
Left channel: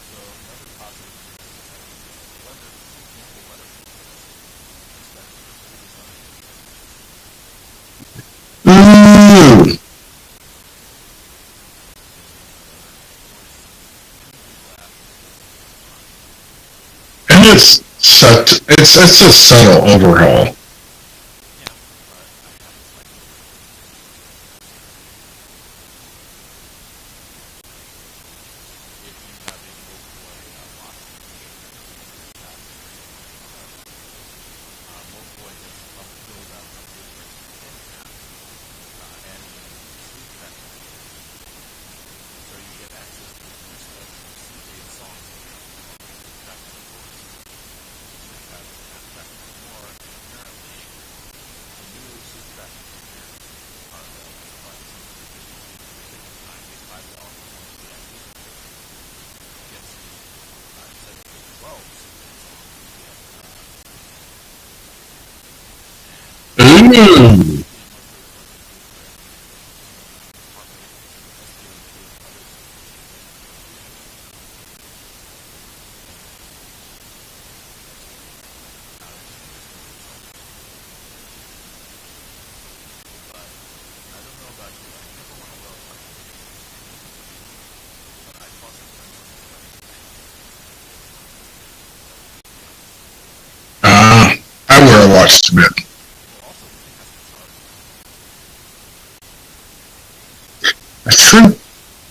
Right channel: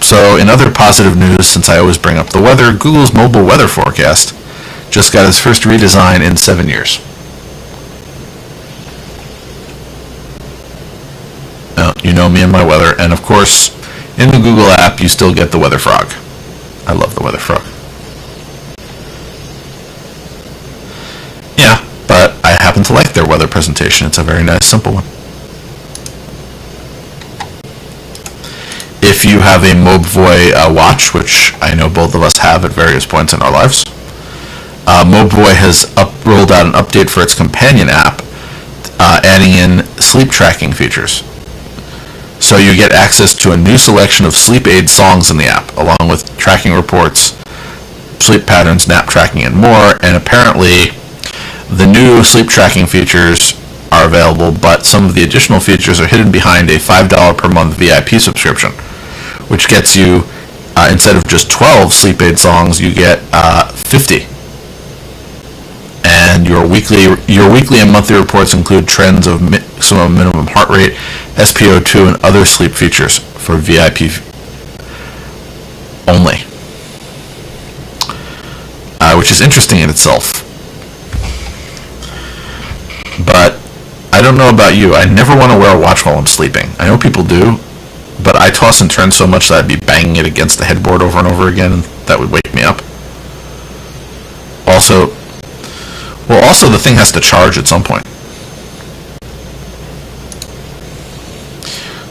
So in other positive news, since I always bring up the weather, Google's mobile weather forecast just got its first redesign in 7 years. Ooh. Now, you know me and my weather, and of course, in the Google app, you still get the weather frog. I love the weather And frog. it's a subtle overhaul. Yeah, but I happen to like their weather presentation. It's a very nice, simple one. If you have a Mobvoi watch, which I know both of us have at various points in our lives, Mobvoi has rolled out an update for its companion app, adding in sleep tracking features. So you get access to a new selection of sleep aid songs in the app, along with tracking reports, sleep patterns, nap tracking, and more. And apparently, the new sleep tracking features are available, but some of the additional features are hidden behind a $5 per month VIP subscription, which gets you, instead of just 12 sleep aid songs, you get 50. And your weekly and monthly reports include trends of maximum minimum heart rate, SpO2, and other sleep features for VIP only, which is interesting in itself. But I don't know about you. I never want to wear a watch while I'm sleeping. I know people do, but I toss and turn so much that I'd be banging it against the headboard over and over again, and that would wake me up. I wear a watch to bed. Well, also the thing has to charge at some point. That's true.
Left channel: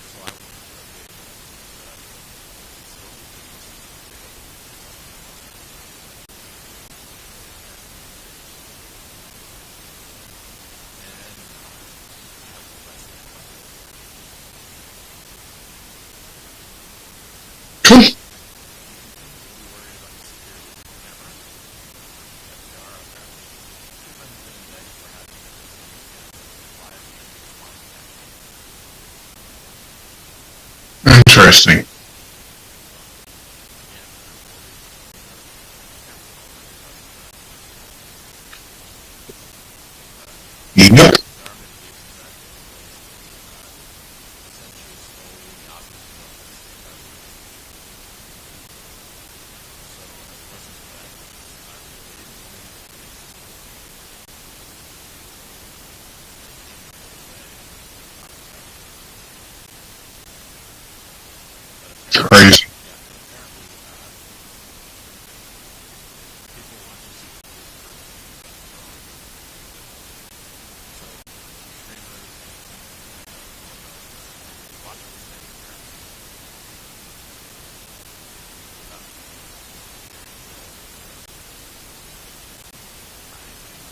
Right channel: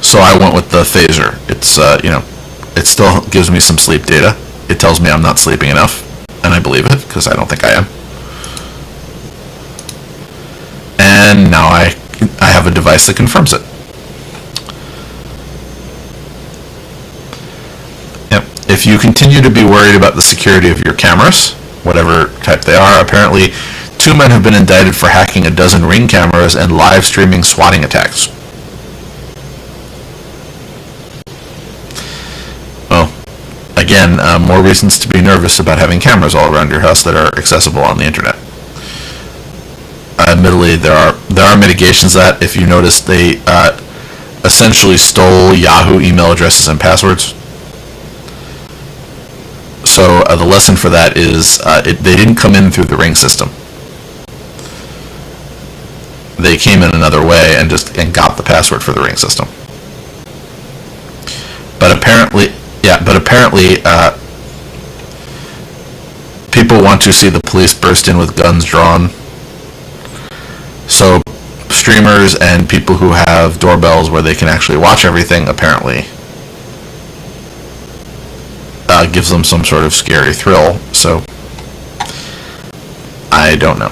So I went with the phaser. It's, it still gives me some sleep data. It tells me I'm not sleeping enough, and I believe it, because I don't think I am. And now I have a device that confirms it. Cool. Yep. If you continue to be worried about the security of your cameras, whatever type they are, apparently 2 men have been indicted for hacking a dozen Ring cameras and live streaming swatting attacks. Interesting. Well, again, more reasons to be nervous about having cameras all around your house that are accessible on the internet. Admittedly, there are mitigations that, if you notice, they essentially stole Yahoo email addresses and passwords. So the lesson for that is they didn't come in through the Ring system. They came in another way and got the password for the Ring system. But apparently, people want to see the police burst in with guns drawn. So streamers and people who have doorbells where they can actually watch everything apparently gives them some sort of scary thrill. So I don't know.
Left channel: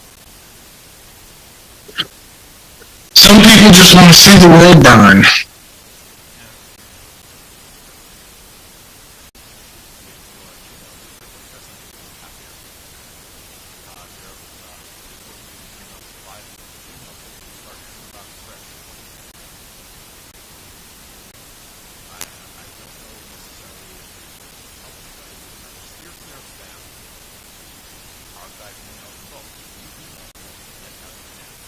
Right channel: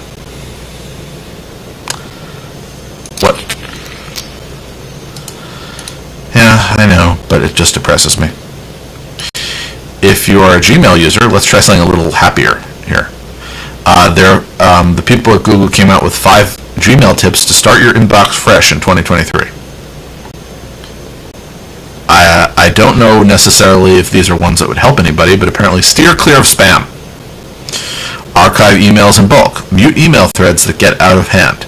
Some people just want to see the world burn. Yeah, I know, but it just depresses me. If you are a Gmail user, let's try something a little happier here. The people at Google came out with 5 Gmail tips to start your inbox fresh in 2023. I don't know necessarily if these are ones that would help anybody, but apparently steer clear of spam. Archive emails in bulk. Mute email threads that get out of hand.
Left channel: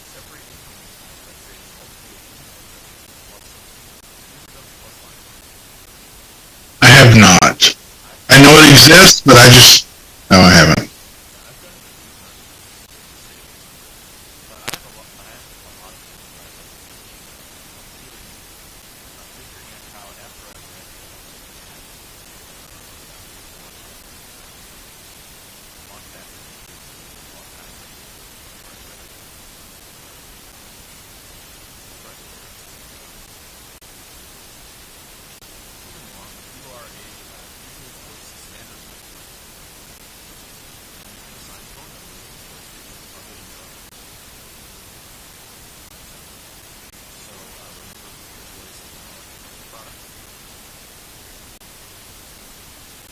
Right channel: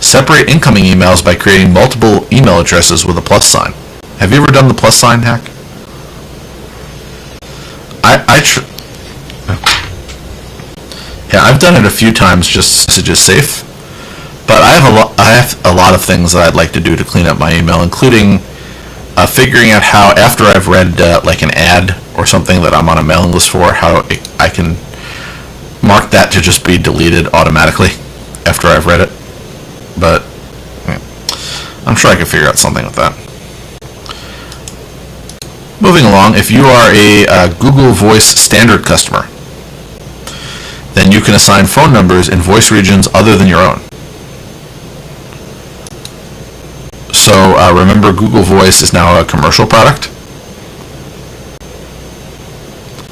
Separate incoming emails by creating multiple email addresses with a plus sign. Have you ever done the plus sign hack? I have not. I know it exists, but no, I haven't. Yeah, I've done it a few times just messages safe. But I have a lot of things that I'd like to do to clean up my email, including figuring out how, after I've read like an ad or something that I'm on a mailing list for, how I can mark that to just be deleted automatically after I've read it. But I'm sure I can figure out something with that. Moving along, if you are a Google Voice Standard customer, then you can assign phone numbers in voice regions other than your own. So remember, Google Voice is now a commercial product.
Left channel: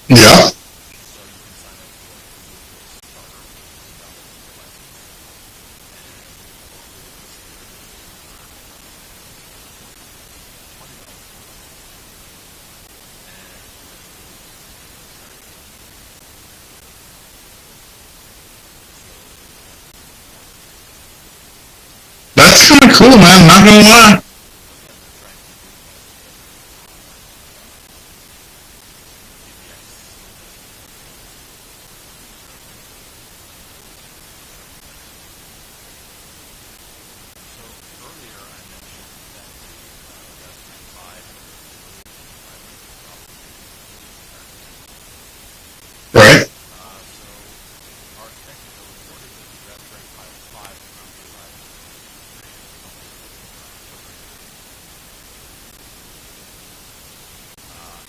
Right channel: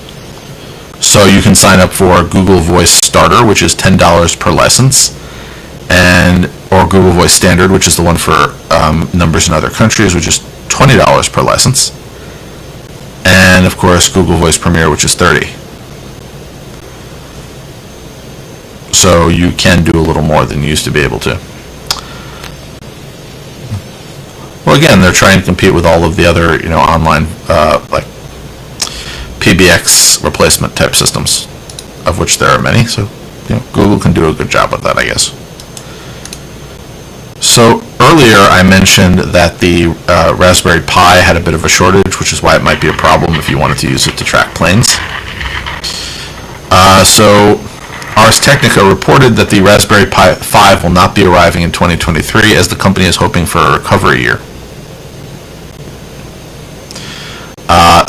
Yeah. So you can sign up for Google Voice Starter, which is $10 per license, or Google Voice Standard, which is the one for numbers in other countries, which is $20 per license. And of course, Google Voice Premier, which is $30. So you can do a little more than you used to be able to. That's kind of cool, man. Not gonna lie. Well, again, they're trying to compete with all of the other, online, like PBX replacement type systems, of which there are many. So, Google can do a good job with that, I guess. So earlier I mentioned that the Raspberry Pi had a bit of a shortage, which is why it might be a problem if you wanted to use it to track planes. Right. So Ars Technica reported that the Raspberry Pi 5 will not be arriving in 2023, as the company is hoping for a recovery year.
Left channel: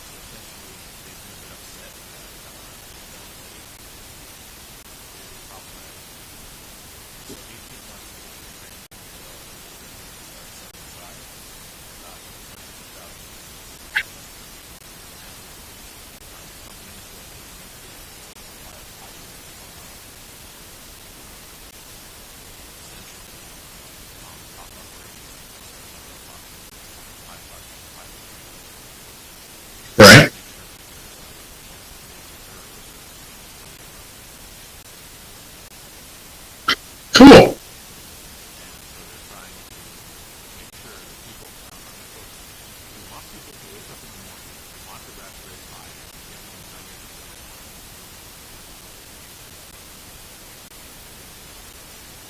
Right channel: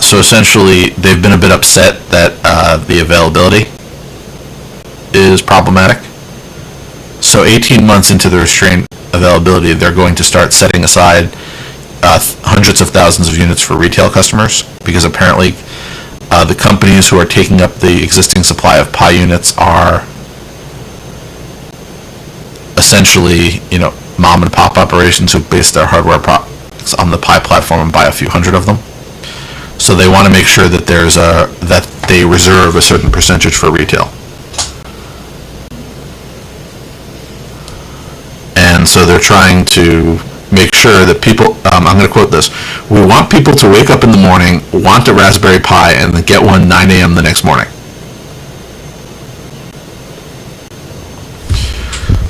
So essentially, they've been a bit upset that the availability is problematic. So 18 months into the restraint availability, they're going to start setting aside hundreds of thousands of units for retail customers, because apparently the companies who are taking up the existing supply of Pi units are essentially, mom and pop operations who base their hardware products on the Pi platform and buy a few hundred of them. So they want to make sure that that they reserve a certain percentage for retail. Cool. And so they're trying to make sure that people, I'm going to quote this, "We want people to wake up in the morning, want a Raspberry Pi, and then get one 9 a.m. the next morning."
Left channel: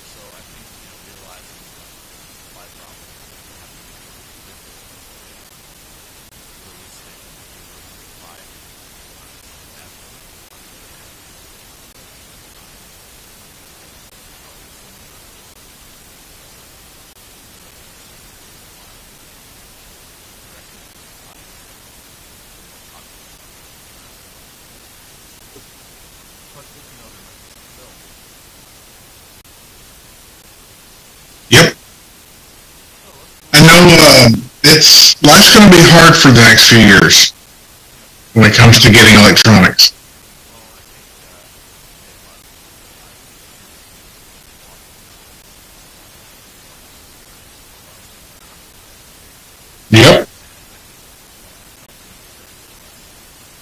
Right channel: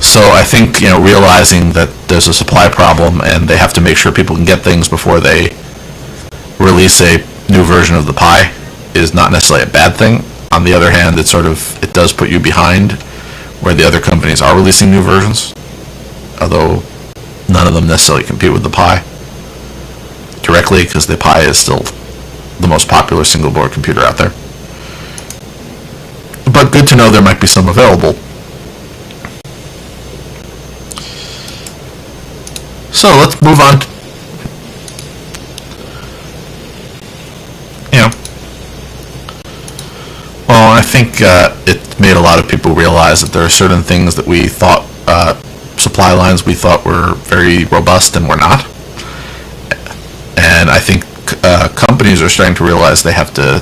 So I think, realizing that there's a supply problem and they have to make sure people can get things before they release a new version of the Pi is not necessarily a bad thing. On the other hand, it does put you behind where the other companies are releasing new versions, although none of them necessarily compete with the Pi directly, because the Pi is still the most popular single board computer out there. But good to know there might be some available. Yep. So let's move on. Life's going to be hard for the next few years. Yeah. When it comes to getting electronics. Well, I think it made a lot of people realize that there are certain things that we thought, supply lines we thought were very robust and were not. Yep. And I think companies are starting to realize they have to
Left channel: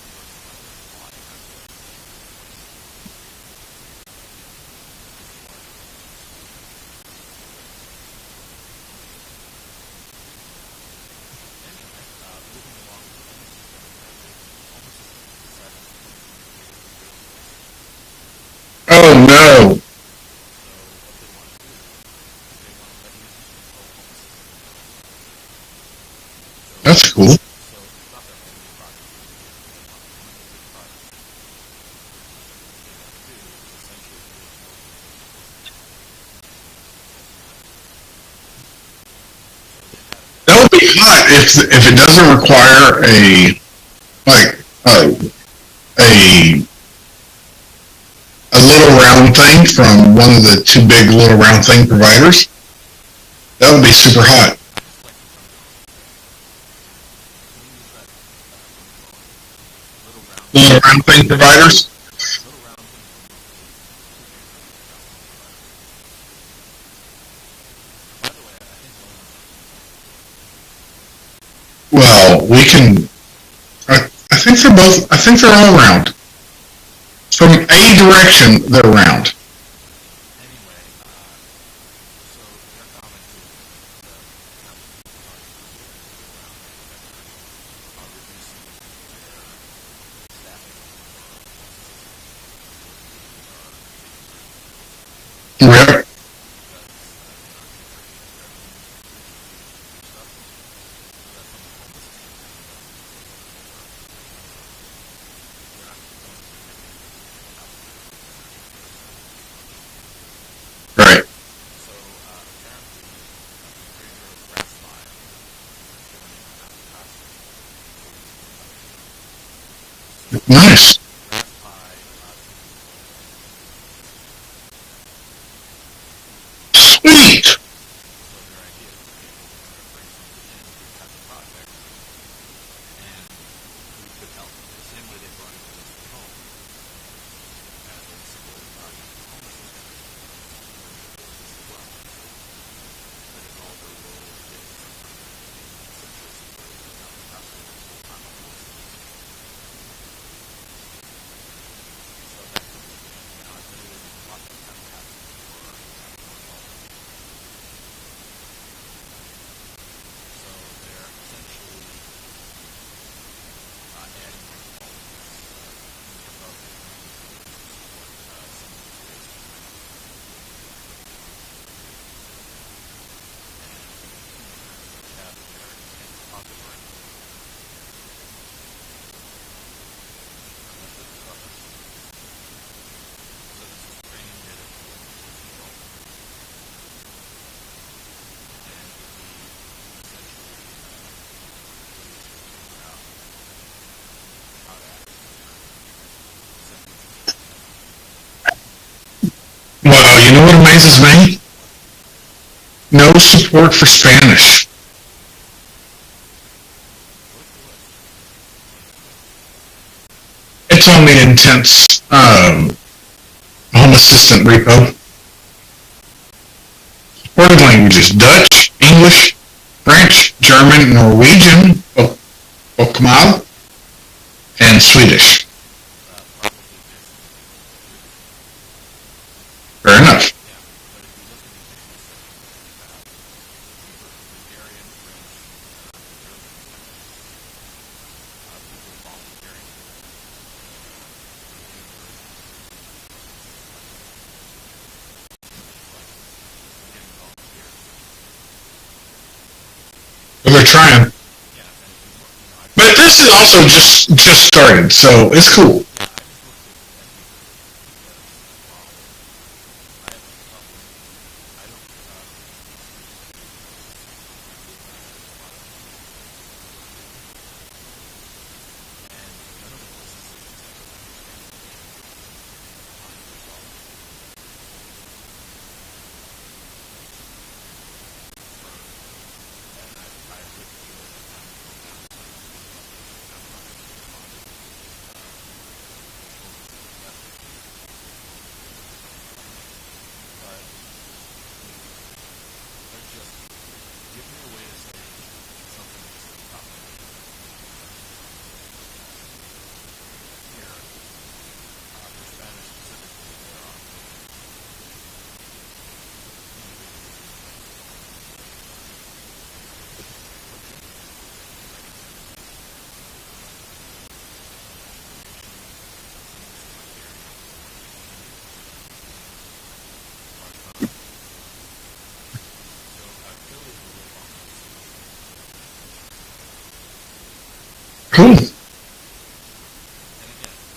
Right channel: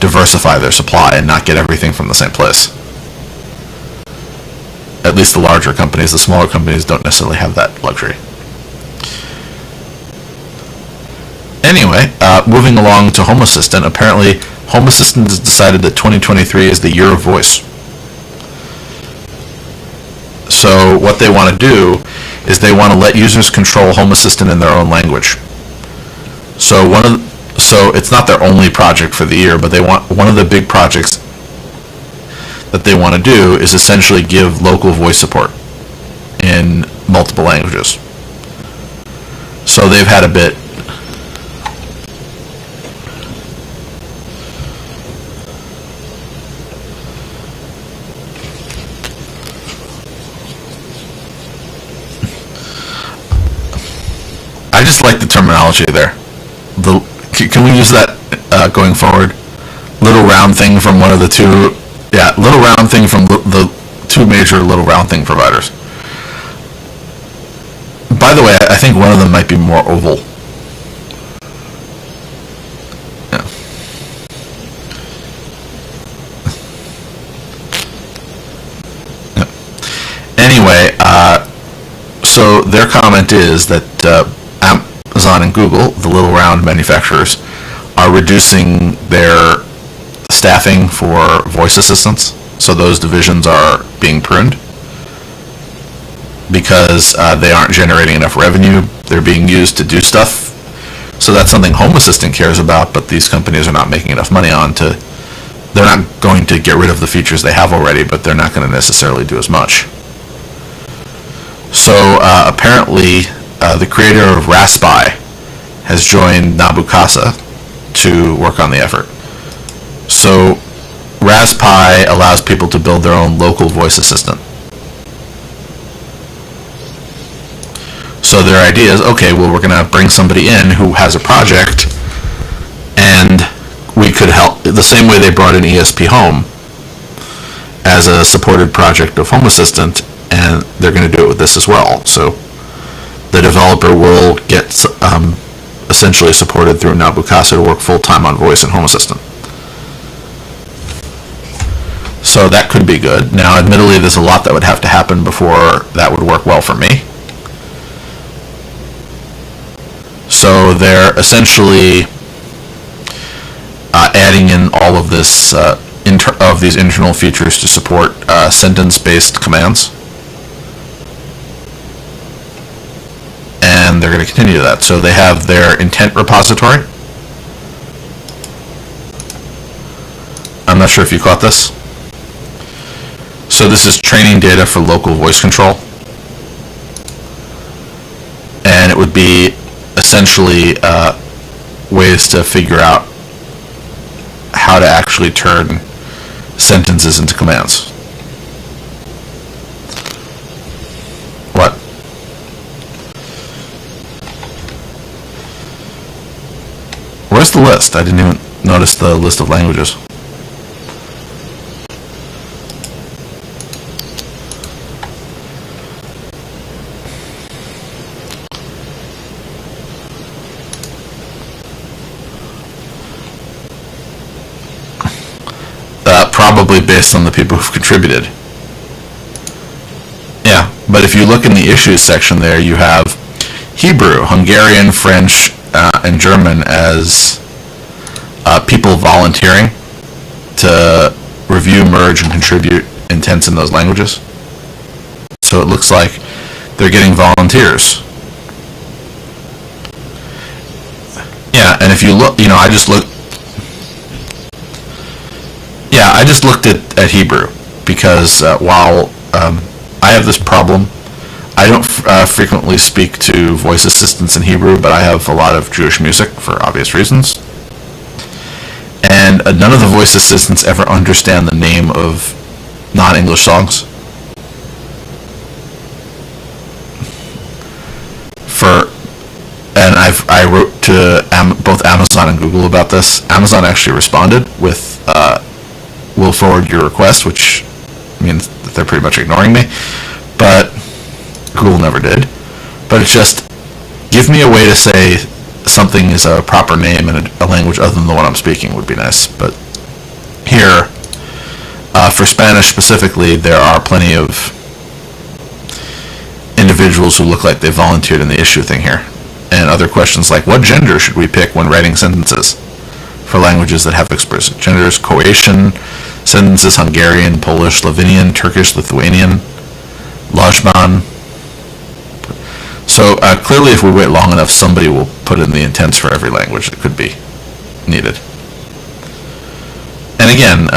diversify their supply and not get everything from the same place. At least the larger companies. The smaller companies don't necessarily have that luxury. Anyway, moving along to Home Assistant. Apparently, Home Assistant has decided that 2023 is the year of voice. Oh, no. So what they want to do is they want to let users control Home Assistant in their own language. So so it's not their only project for the year, but they want one of the big projects that they want to do is essentially give local voice support in multiple languages. So they've had a bit. That would be hot if it doesn't require a little round thing from one of the two big little round thing providers. That would be super hot. I just like the terminology there. Can we use that going forward? Little round thing from one of the two. Providers? Yeah, little round thing from the two major little round thing providers. By the way, I think one of them might be more oval. Well, we can. Yeah. I think they're both. I think they're all round. From a direction, they're round. Yeah. Anyway, so their comment is that Amazon and Google, the little round manufacturers, are reducing their staffing for voice assistants. So those divisions are being pruned. Yep. Because they aren't generating enough revenue. They're being used to do stuff. So that's something Home Assistant cares about, but these companies are not making enough money on to. They're not going to get rid of the features they have already, but they're not going to necessarily do as much. Right. So apparently, the creator of Raspberry has joined Nabukasa to work on the effort. So Nice. Raspberry allows people to build their own local voice assistant. Sweet. So their idea is, okay, well, we're going to bring somebody in who has a project, and we could help the same way they brought in ESP Home as a supported project of Home Assistant, and they're going to do it with this as well. So the developer will get essentially supported through Nabukasa to work full-time on voice and Home Assistant. So that could be good. Now, admittedly, there's a lot that would have to happen before that would work well for me. So they're essentially adding in all of this of these internal features to support sentence-based commands, and they're going to continue that. So they have their intent repository. I'm not sure if you caught this. So this is training data for local voice control, and it would be essentially ways to figure out how to actually turn sentences into commands. Well, you know what amazes me? What? No support for Spanish. Where's the list? I didn't even notice the list of languages. It's on the Intense Home Assistant repo. What are the languages? Dutch, English, French, German, Norwegian, Okmal, and Swedish. Probably based on the people who've contributed. Fair enough. Yeah, but if you look in the issues section there, you have Hebrew, Hungarian, French, and German as people volunteering to review, merge, and contribute intents in those languages. So it looks like they're getting volunteers. They're trying. Yeah, and if you look, I just But looked. this is also just started, so it's cool. Yeah, I just looked at Hebrew because while I have this problem, I don't frequently speak to voice assistants in Hebrew, but I have a lot of Jewish music for obvious reasons. And none of the voice assistants ever understand the name of non-English songs. And I wrote to both Amazon and Google about this. Amazon actually responded with, we'll forward your request, which means that they're pretty much ignoring me. But Google never did. But it's just, give me a way to say something is a proper name in a language other than the one I'm speaking would be nice. But here, for Spanish specifically, there are plenty of individuals who look like they volunteered in the issue thing here. And other questions like, what gender should we pick when writing sentences for languages that have explicit genders? Croatian sentences, Hungarian, Polish, Slovenian, Turkish, Lithuanian, Lajban. So clearly if we wait long enough, somebody will put in the intents for every language that could be needed. Cool. And again,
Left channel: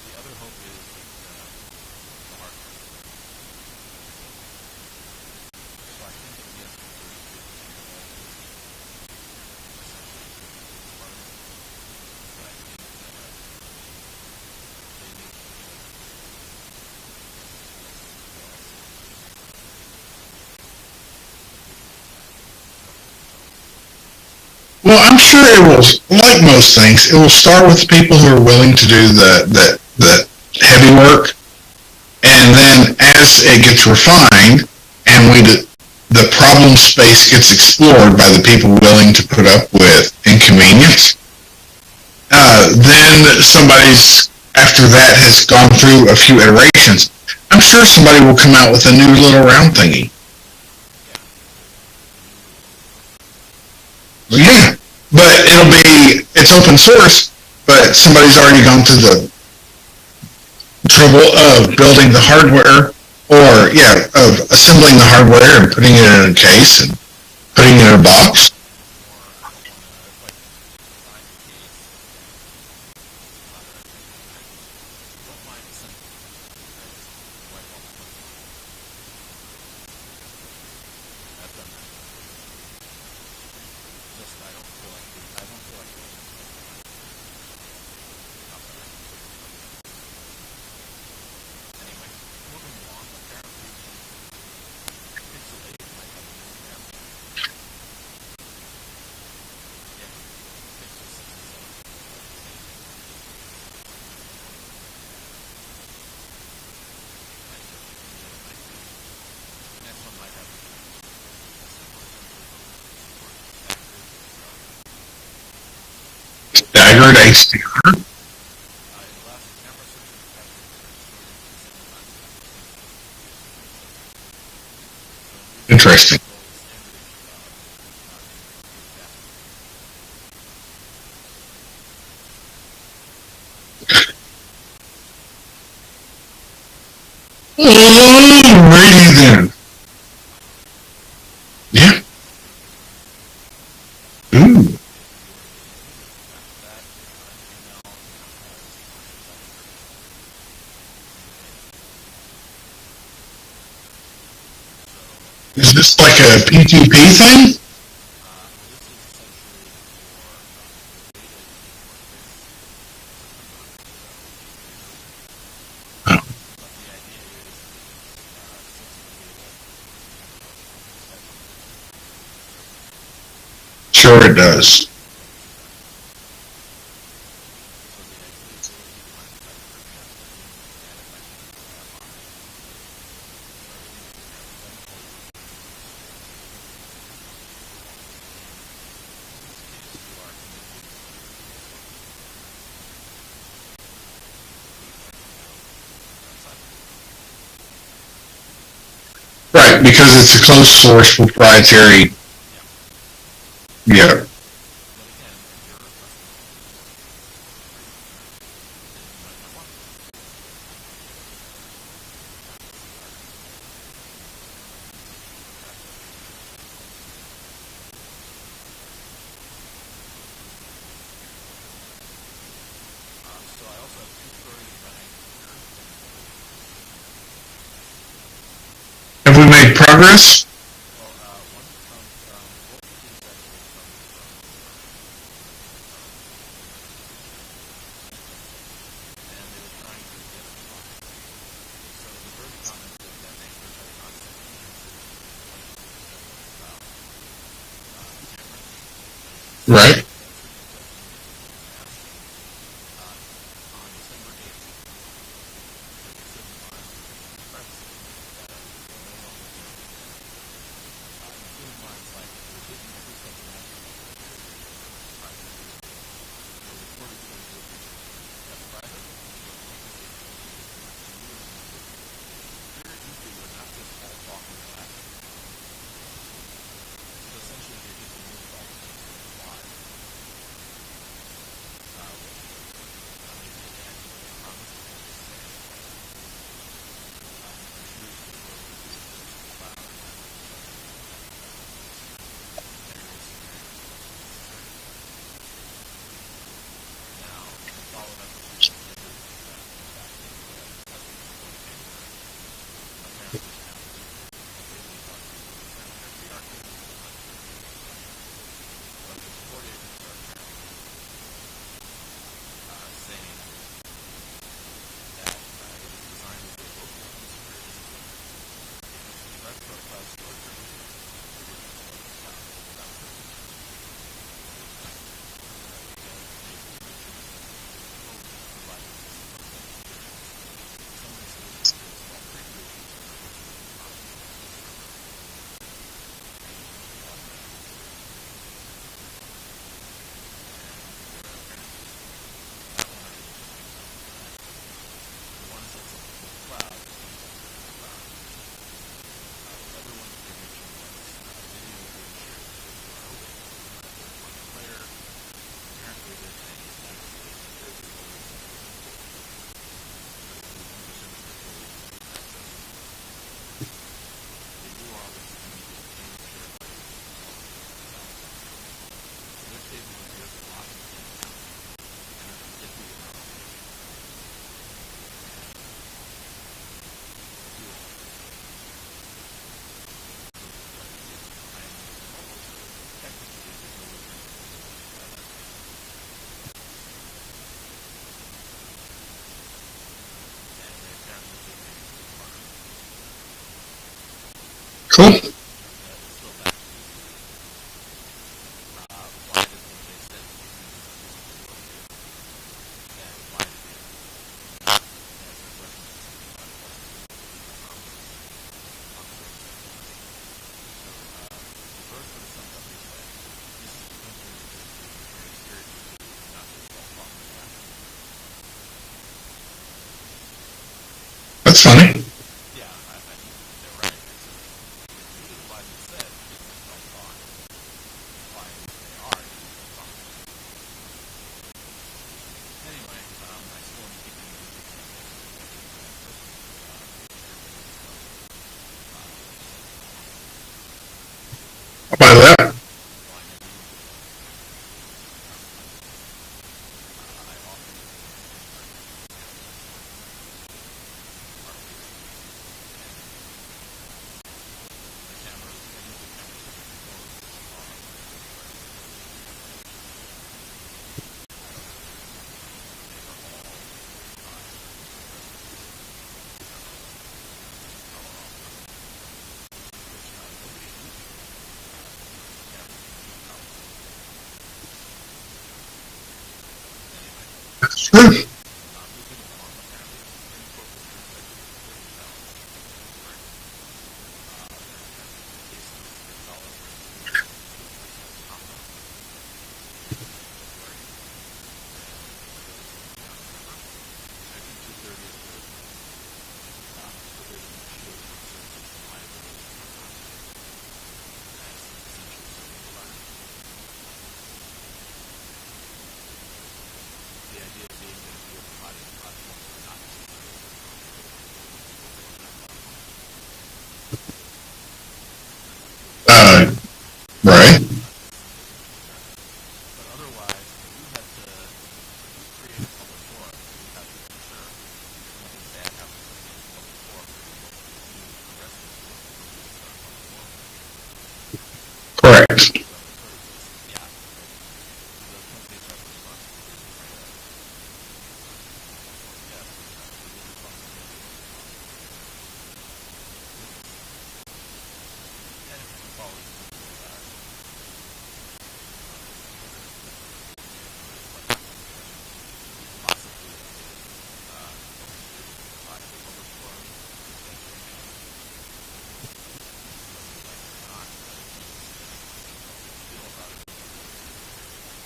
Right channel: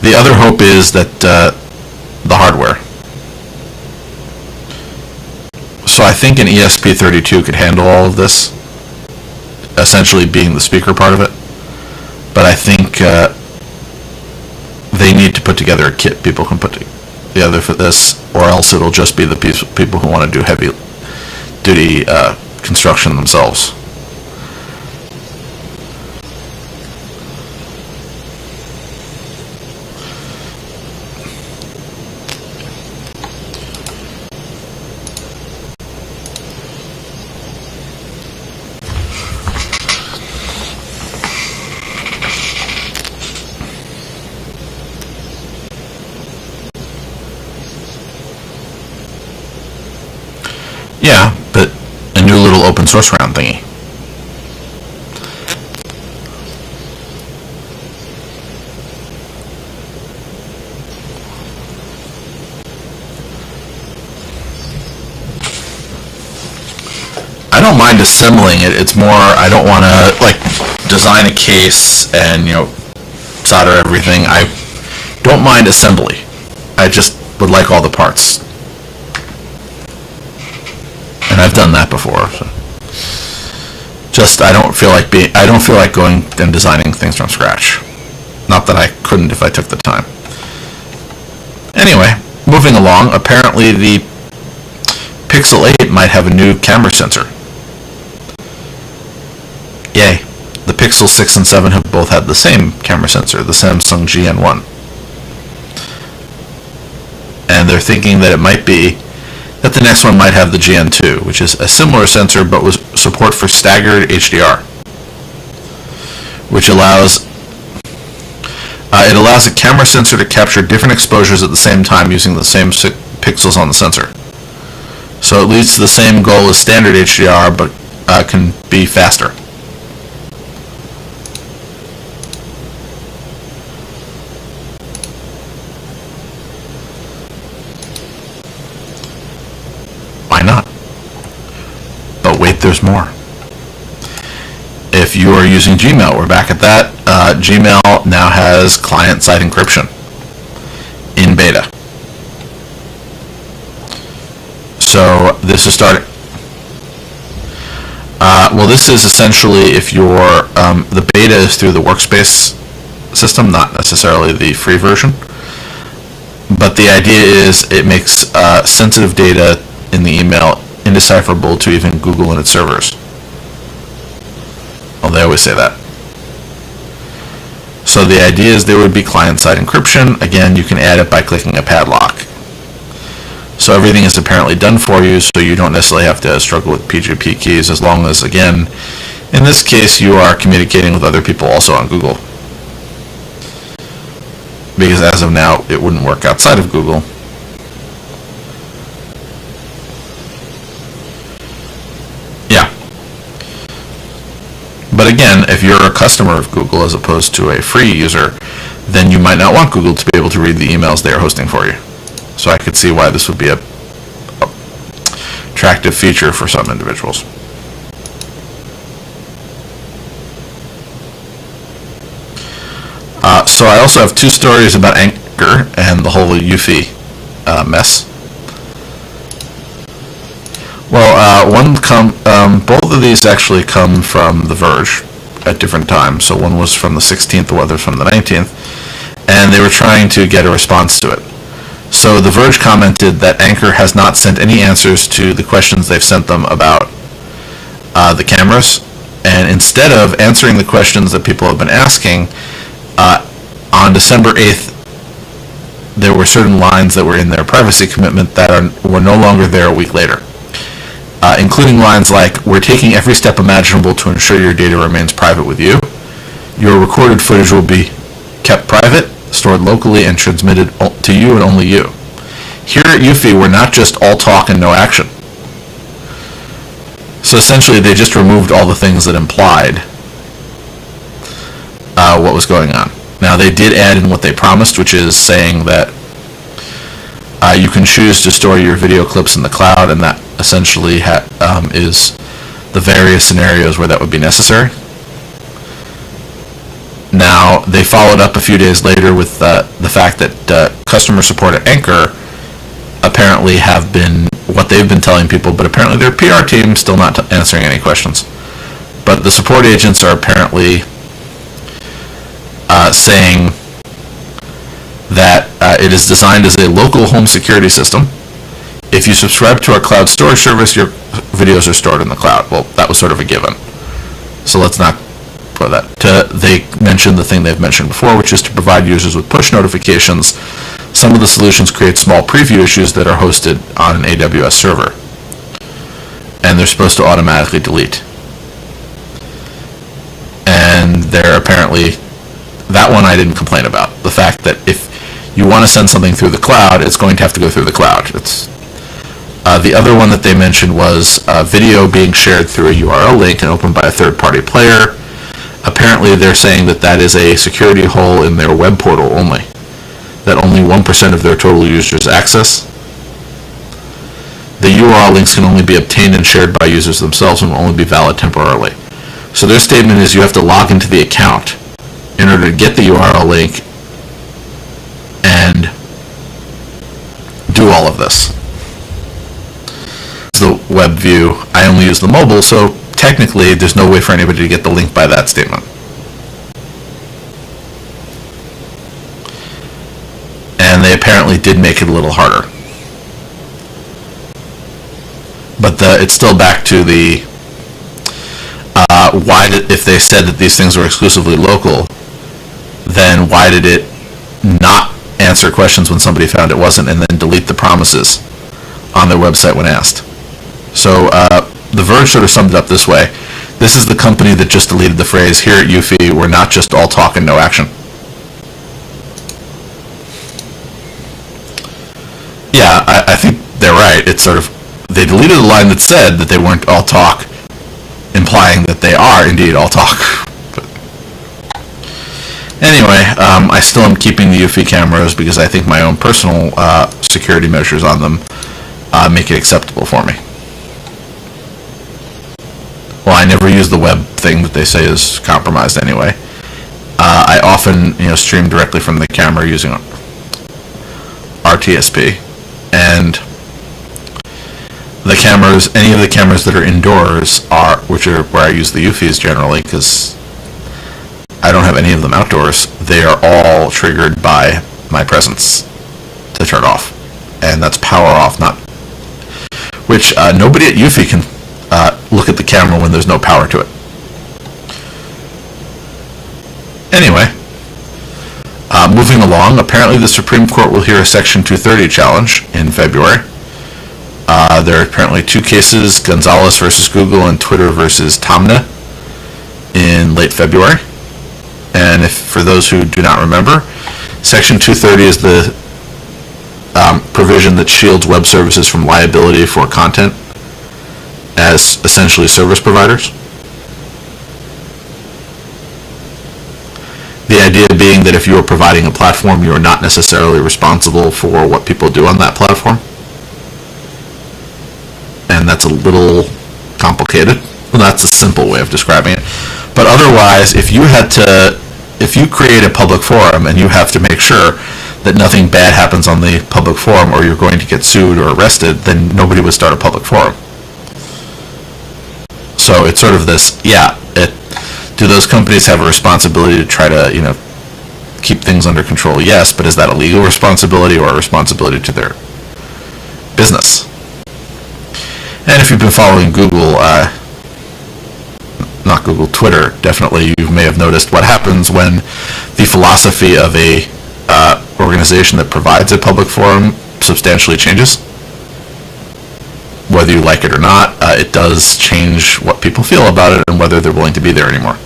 the other hope is that the hardware. So I think an ESP32 could handle all of this, essentially being the speaker part of it. But I think they need to put together a kit people can put together for this, or else it'll just be the people who want to do heavy-duty construction themselves. Well, I'm sure it will, like most things, it will start with people who are willing to do the heavy work, and then as it gets refined, and the problem space gets explored by the people willing to put up with inconvenience, then after that has gone through a few iterations, I'm sure somebody will come out with a new little round thingy. Yeah, but a new little open source round thingy. Yeah, but it's open source, but somebody's already gone through the trouble of building the hardware, of assembling the hardware and putting it in a case. And I don't mind assembling it. It's more, I don't want to design a case and solder everything. I don't mind assembly. I just would like all the parts, and I've done that before. So. Just I don't feel like going and designing things from scratch. Not that I couldn't if I took the time. Anyway, moving along. Apparently, the Pixel 8 might have a new camera sensor. Yay. The Pixel 6 and 7 have both had the same camera sensor, the Samsung GN1. And they're thinking that it might be that the next one might have the GN2, which is a similar sensor but with support for staggered HDR. Which allows it allows a camera sensor to capture different exposures at the same time using the same pixels on the sensor. So it leads to the same goal as standard HDR, but can be faster. Alrighty then. Why not? Yeah. But wait, there's more. Ooh. If you are using Gmail, we're back at that. Gmail now has client-side encryption in beta. So this is like a P2P thing? Well, this is essentially if you're the beta is through the workspace system, not necessarily the free version. But the idea is it makes sensitive data in the email indecipherable to even Google and its servers. Sure it does. Well, they always say that. So the idea is there would be client-side encryption. Again, you can add it by clicking a padlock. So everything is apparently done for you, so you don't necessarily have to struggle with PGP keys, as long as, again, in this case, you are communicating with other people also on Google. Because as of now, it wouldn't work outside of Google. Right, because it's a closed source proprietary. Yeah. Yeah. But again, if you're a customer of Google as opposed to a free user, then you might not want Google to be able to read the emails they are hosting for you. So I could see why this would be a attractive feature for some individuals. So I also have two stories about Anchor and the whole Eufy mess. Have we made progress? Well, both of these actually come from The Verge at different times. So one was from the 16th, the other from the 19th, and they were trying to get a response to it. So The Verge commented that Anchor has not sent any answers to the questions they've sent them about the cameras, and instead of answering the questions that people have been asking, on December 8th, there were certain lines that were in their privacy commitment that were no longer there a week later, including lines like, "We're taking every step imaginable to ensure your data remains private with you. Your recorded footage will be kept private, stored locally, and transmitted to you and only you. Here at Eufy, we're not just all talk and no action." So essentially, they just removed all the things that implied what was going on. Now, they did add in what they promised, which is saying that you can choose to store your video clips in the cloud, and that essentially is the various scenarios where that would be necessary. Now, they followed up a few days later with the fact that customer support at Anchor apparently have been what they've been telling people, but apparently their PR team still not answering any questions. But the support agents are apparently saying that it is designed as a local home security system. If you subscribe to our cloud storage service, your videos are stored in the cloud. Well, that was sort of a given. So let's not put that. They mentioned the thing they've mentioned before, which is to provide users with push notifications. Some of the solutions create small preview issues that are hosted on an AWS server, and they're supposed to automatically delete. And they're apparently, that one I didn't complain about. The fact that if you want to send something through the cloud, it's going to have to go through the cloud. The other one that they mentioned was video being shared through a URL link and opened by a third-party player. Apparently they're saying that that is a security hole in their web portal only, that only 1% of their total users access. The URL links can only be obtained and shared by users themselves and will only be valid temporarily. So their statement is you have to log into the account in order to get the URL link and do all of this. It's the web view. I only use the mobile, so technically there's no way for anybody to get the link by that statement. And they apparently did make it a little harder. Cool. But it's still back to the if they said that these things were exclusively local, then why did it not answer questions when somebody found it wasn't, and then delete the promises on their website when asked? So The Verge sort of summed it up this way: this is the company that just deleted the phrase, "Here at Eufy, we're not just all talk and no action." That's funny. Yeah, I think they're right. It's sort of, they deleted a line that said that they weren't all talk, implying that they are indeed all talk. But anyway, I still am keeping the Eufy cameras because I think my own personal security measures on them make it acceptable for me. Why that? Well, I never use the web thing that they say is compromised anyway. I often, stream directly from the camera using RTSP, and the cameras, any of the cameras that are indoors which are where I use the Eufys generally, because I don't have any of them outdoors, they are all triggered by my presence to to turn off, and that's power off, not, which nobody at Eufy can look at the camera when there's no power to it. Anyway, moving along, apparently the Supreme Court will hear a Section 230 challenge in February. There are apparently two cases, Gonzalez versus Google and Twitter versus Tamna, in late February. And if, for those who do not remember, Section 230 is the provision that shields web services from liability for content as essentially service providers. The idea being that if you are providing a platform, you are not necessarily responsible for what people do on that platform. And that's a little complicated. Right. Well, that's a simple way of describing it. But otherwise, if you create a public forum and you have to make sure that nothing bad happens on the public forum or you're going to get sued or arrested, then nobody would start a public forum. Correct. So it's sort of this, do those companies have a responsibility to try to, keep things under control? Yes, but is that a legal responsibility or a responsibility to their business? And if you've been following Google, not Google, Twitter, definitely you may have noticed what happens when the philosophy of a organization that provides a public forum substantially changes. Whether you like it or not, it does change what people feel about it and whether they're willing to be there anymore.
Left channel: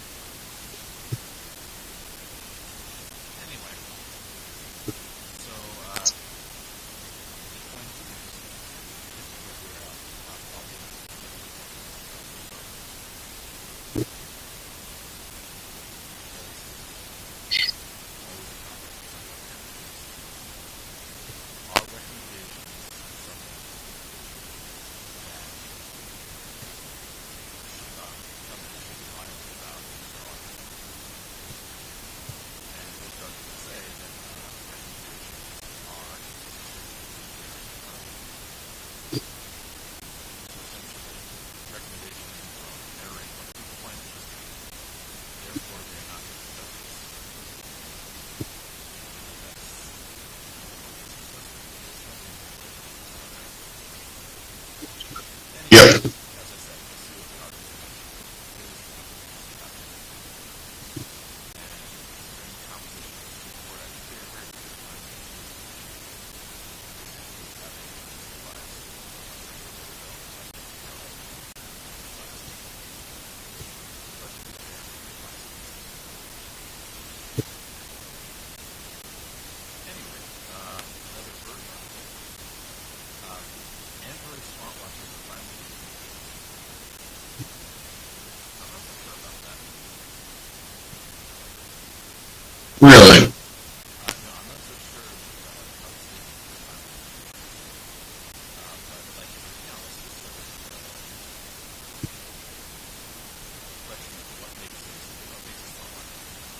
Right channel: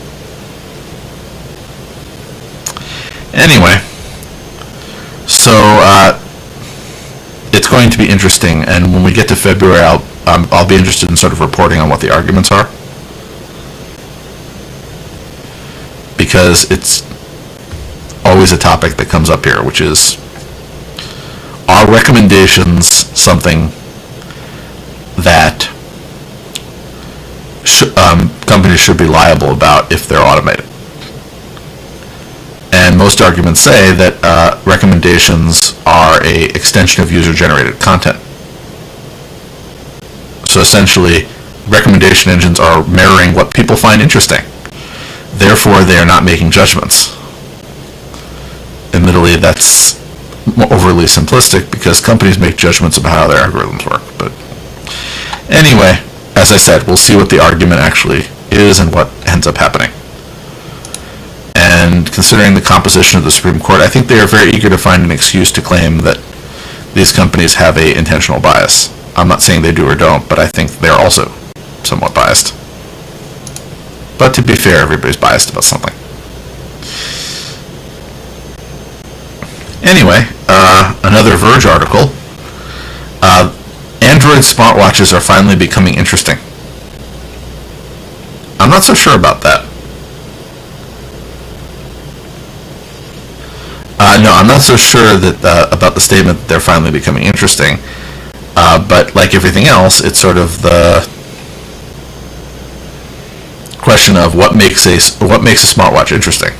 Anyway, so it's going to be interesting, and when we get to February, I'll be interested in sort of reporting on what the arguments are, because it's always a topic that comes up here, which is, are recommendations something that companies should be liable about if they're automated? And most arguments say that recommendations are a extension of user-generated content. So essentially, recommendation engines are mirroring what people find interesting. Therefore, they are not making judgments. Admittedly, that's overly simplistic because companies make judgments about how their algorithms work. But anyway, as I said, we'll see what the argument actually is and what ends up happening. And considering the composition of the Supreme Court, I think they are very eager to find an excuse to claim that these companies have an intentional bias. I'm not saying they do or don't, but I think they're also somewhat biased. But to be fair, everybody's biased about something. Anyway, another Verge article. Android smartwatches are finally becoming interesting. I'm not so sure about that. Really? No, I'm not so sure that about the statement that they're finally becoming interesting. But like everything else, it's sort of the question of what makes a smartwatch interesting.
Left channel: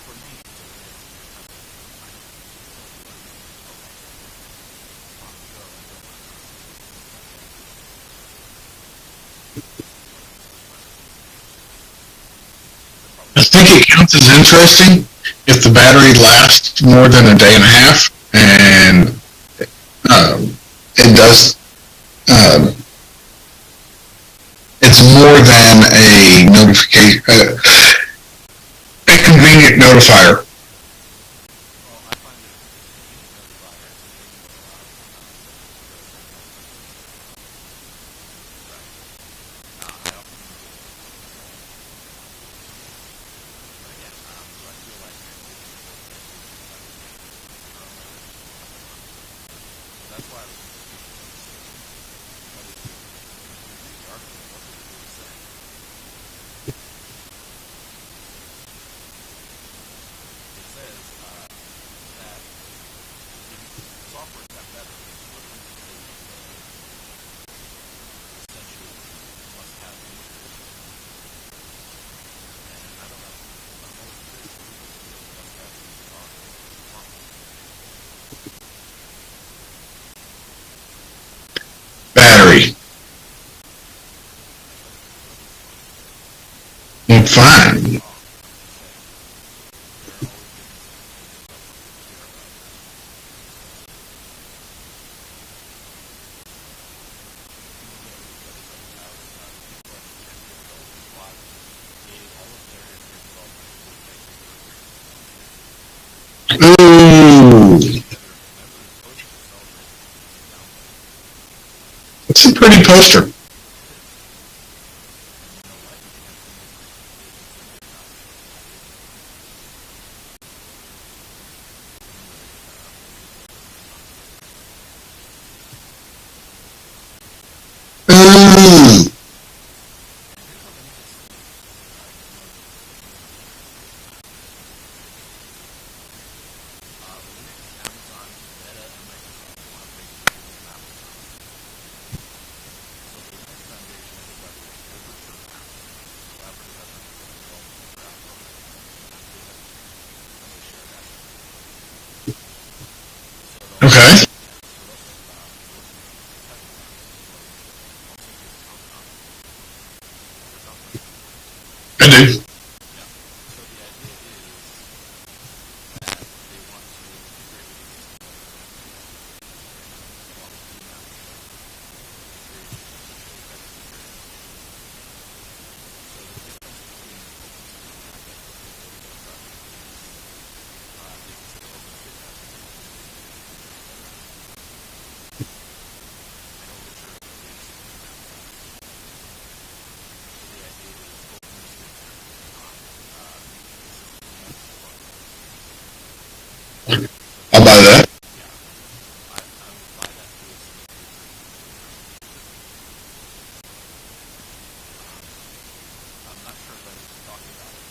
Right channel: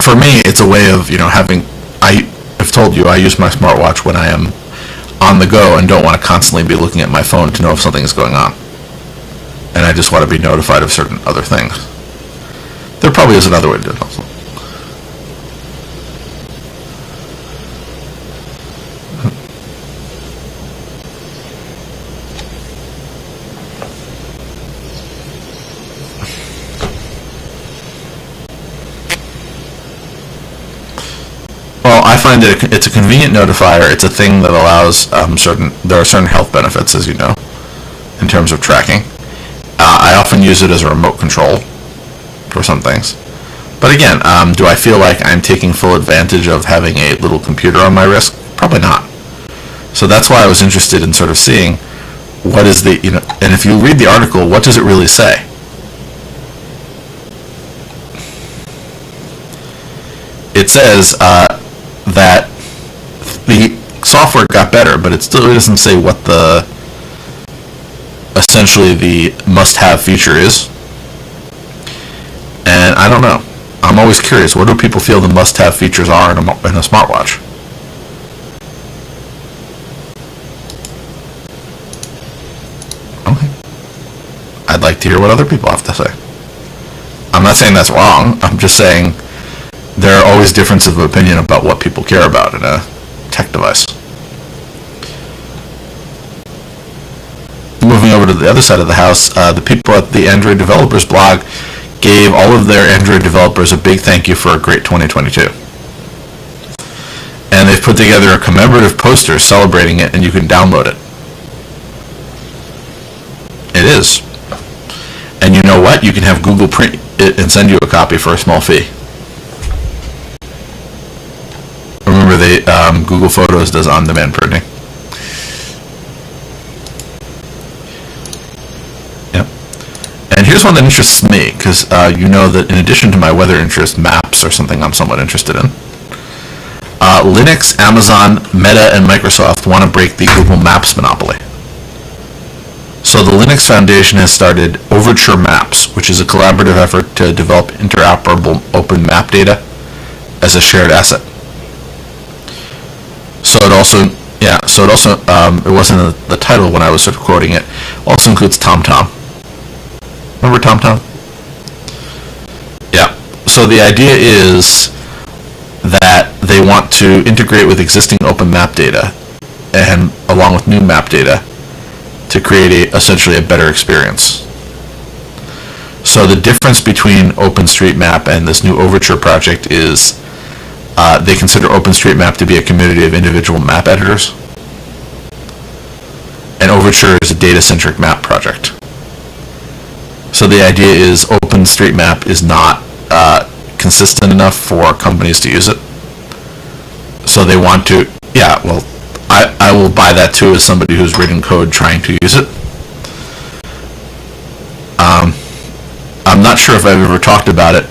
For me, it's a way of having. I've told you I use my smartwatch when I am on the go and don't want to constantly be looking at my phone to know if something is going on. And I just want to be notified of certain other things. There probably is another way. I think it counts as interesting if the battery lasts more than a day and a half, and it does. It's more than a notification, a convenient notifier. Well, I find that it's a convenient notifier. It's a thing that allows there are certain health benefits, as you know, in terms of tracking. I often use it as a remote control for some things. But again, do I feel like I'm taking full advantage of having a little computer on my wrist? Probably not. So that's why I was interested in sort of seeing what is the, and if you read the article, what does it really say? It says that the software got better, but it still doesn't say what essentially the must-have feature is. And I don't know. I'm always curious. What do people feel the must-have features are in a smartwatch? Battery. Okay. I'd like to hear what other people have to say. It's I'm not saying that's wrong. I'm just saying there are always differences of opinion about what people care about in a tech device. Moving over to the other side of the house, the people at the Android Developers blog gave all of their Android developers a big thank you for a great 2022. And they've put together a commemorative poster celebrating it, and you can download it. It's a pretty poster. It is. And you know what? You can have Google print it and send you a copy for a small fee. Remember, Google Photos does on-demand printing. Yep. And here's one that interests me, because you know that in addition to my weather interest, maps are something I'm somewhat interested in. Linux, Amazon, Meta, and Microsoft want to break the Google Maps monopoly. So the Linux Foundation has started Overture Maps, which is a collaborative effort to develop interoperable open map data as a shared asset. So it also, it wasn't in the title when I was sort of quoting it, also includes TomTom. Remember TomTom? I do. Yeah. So the idea is that they want to integrate with existing open map data and along with new map data to create essentially a better experience. So the difference between OpenStreetMap and this new Overture project is they consider OpenStreetMap to be a community of individual map editors, and Overture is a data-centric map project. So the idea is OpenStreetMap is not consistent enough for companies to use it. So they want to, yeah, well, I will buy that too as somebody who's written code trying to use it. I'm not sure if I've ever talked about it,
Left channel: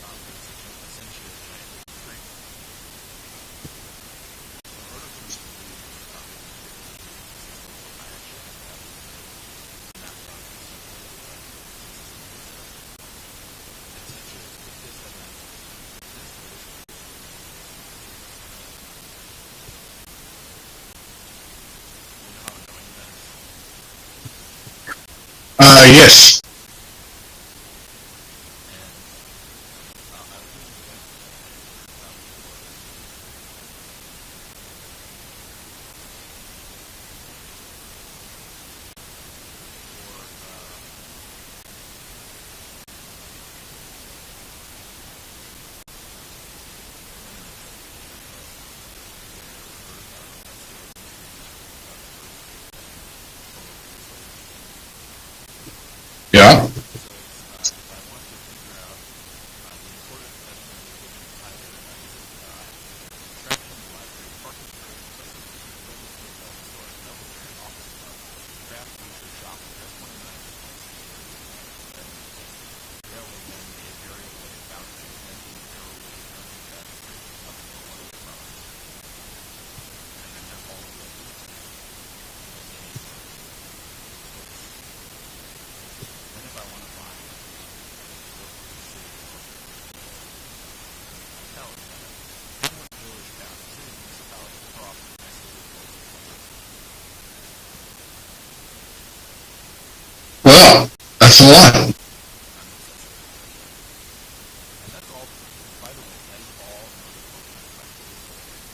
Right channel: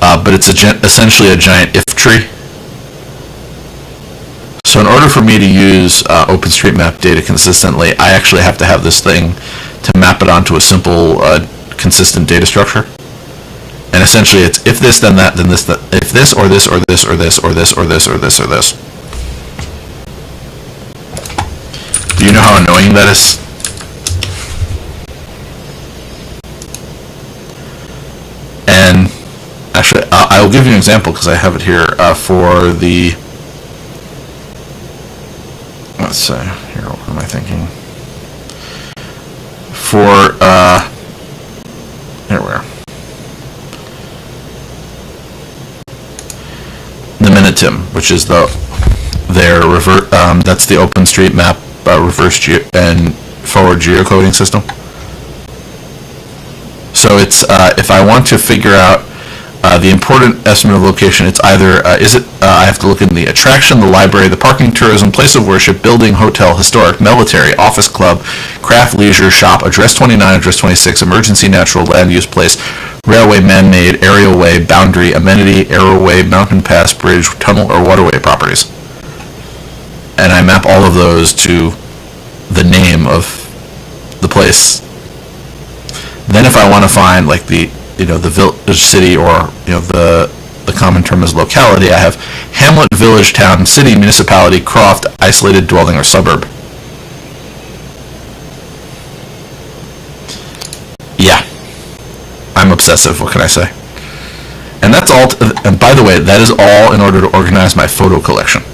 but it's essentially a giant if tree. So in order for me to use OpenStreetMap data consistently, I actually have to have this thing to map it onto a simple, consistent data structure. And essentially it's if this, then that, then this, that, if this, or this, or this, or this, or this, or this, or this, or this. Do you know how annoying that is? Yes. And actually, I will give you an example because I have it here for the. Let's see. Here, what am I thinking? For here we are. The Minitim, which is their revert. That's the OpenStreetMap reverse and forward geocoding system. Yeah. So it's if I want to figure out the important estimate of location, it's either I have to look in the attraction, the library, the parking, tourism, place of worship, building, hotel, historic, military, office, club, craft, leisure, shop, address 29, address 26, emergency, natural, land use, place, railway, man-made, aerial way, boundary, amenity, aeroway, mountain pass, bridge, tunnel, or waterway properties. And I map all of those to the name of the place. Then if I want to find like the village, city, or the common term is locality, I have hamlet, village, town, city, municipality, croft, isolated dwelling, or suburb. Well, that's a lot. I'm obsessive, what can I say? And that's all, and by the way, that is all in order to organize my photo collection.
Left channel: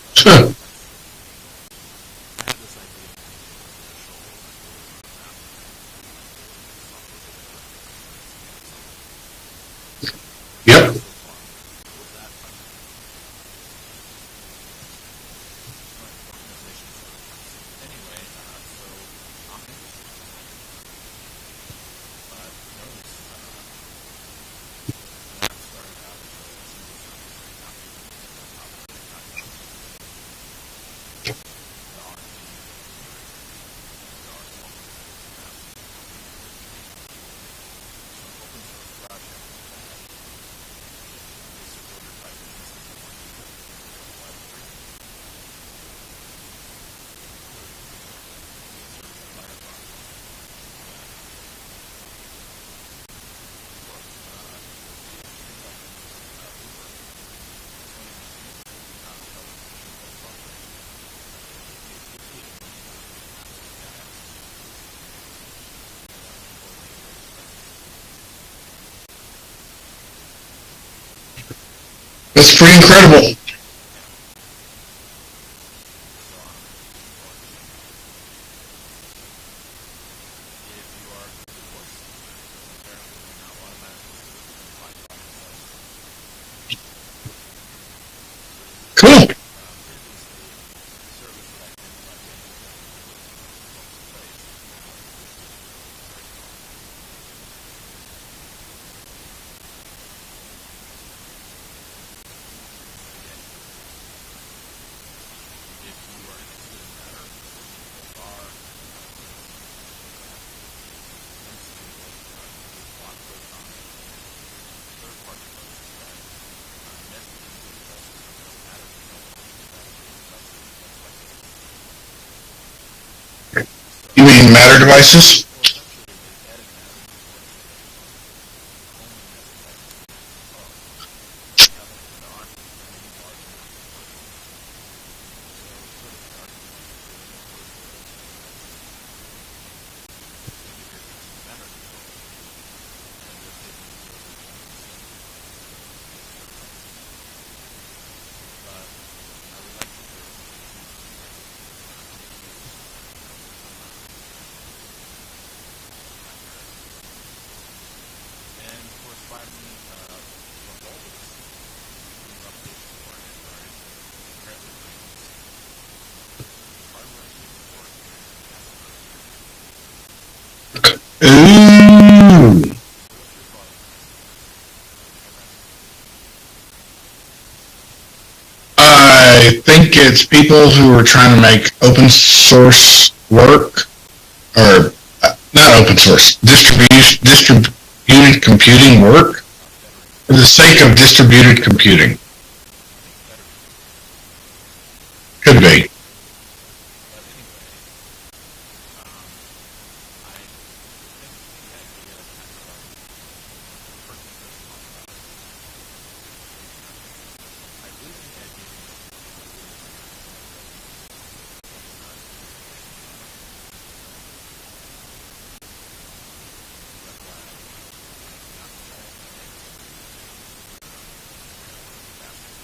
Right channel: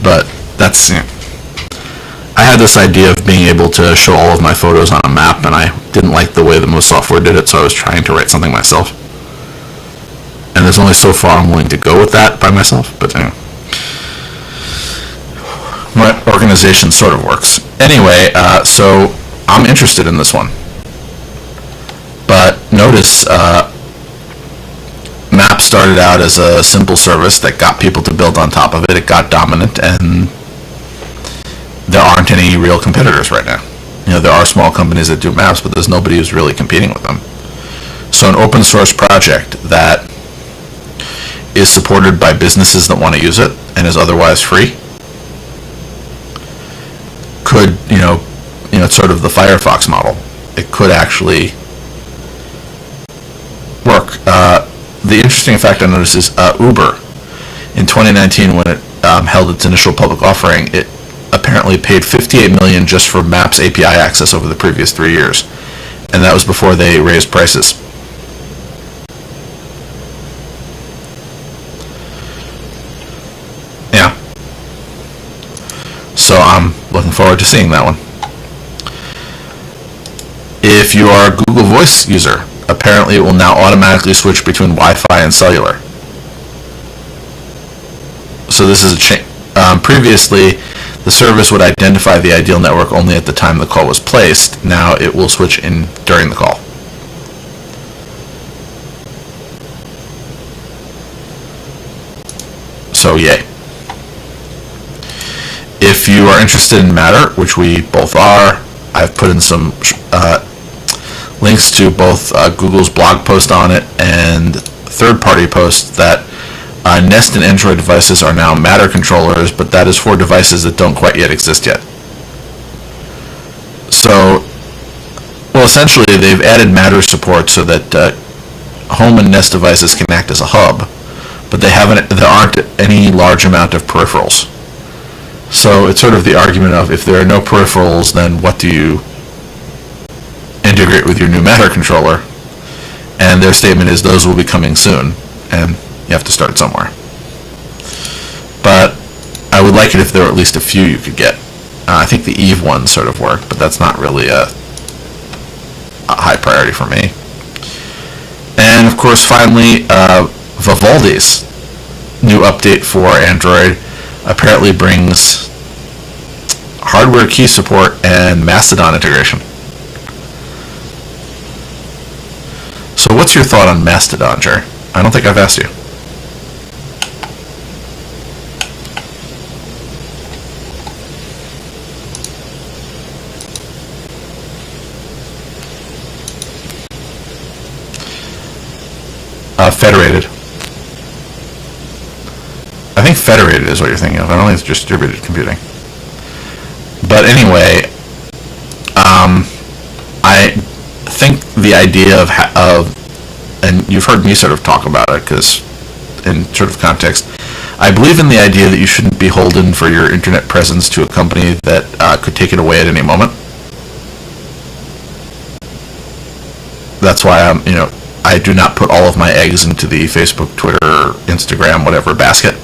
But sure. That's, I had this idea of being able to show all of my photos on a map, and I didn't like the way that most software did it, so I was trying to write something myself. And there's only so far I'm willing to go with that by myself, but anyway. My organization sort of works. Anyway, so I'm interested in this one. But notice, Map started out as a simple service that got people to build on top of it. It got dominant, and there aren't any real competitors right now. There are small companies that do maps, but there's nobody who's really competing with them. So an open source project that is supported by businesses that want to use it and is otherwise free could, it's sort of the Firefox model. It could actually work. The interesting fact I noticed is Uber, in 2019, when it held its initial public offering, it apparently paid $58 million just for Maps API access over the previous 3 years, and that was before they raised prices. That's pretty incredible. Yeah. So I'm looking forward to seeing that one. If you are a Google Voice user, apparently it will now automatically switch between Wi-Fi and cellular. So this is a change. Previously, the service would identify the ideal network only at the time the call was placed. Now it will switch in during the call. So yay. If you are interested in Matter, which we both are, I've put in some links to both Google's blog post on it and third-party posts that Nest and Android devices are now Matter controllers, but that is for devices that don't quite yet exist yet. So, You mean Matter devices? well, essentially, they've added Matter support so that home and Nest devices can act as a hub, but there aren't any large amount of peripherals. So it's sort of the argument of, if there are no peripherals, then what do you integrate with your new Matter controller? And their statement is those will be coming soon, and you have to start somewhere. But I would like it if there were at least a few you could get. I think the Eve ones sort of work, but that's not really a high priority for me. And of course, finally, Vivaldi's new update for Android apparently brings hardware key support and Mastodon integration. Ooh. So what's your thought on Mastodon, Jerry? I don't think I've asked you. I think it's people who are trying to make open source work, or not open source, distributed computing work Federated. for the sake of distributed computing. I think federated is what you're thinking of. I don't think it's distributed computing. Could be. But anyway, I think the idea of, and you've heard me sort of talk about it, because in sort of context, I believe in the idea that you shouldn't be beholden for your internet presence to a company that could take it away at any moment. That's why I do not put all of my eggs into the Facebook, Twitter, Instagram, whatever basket.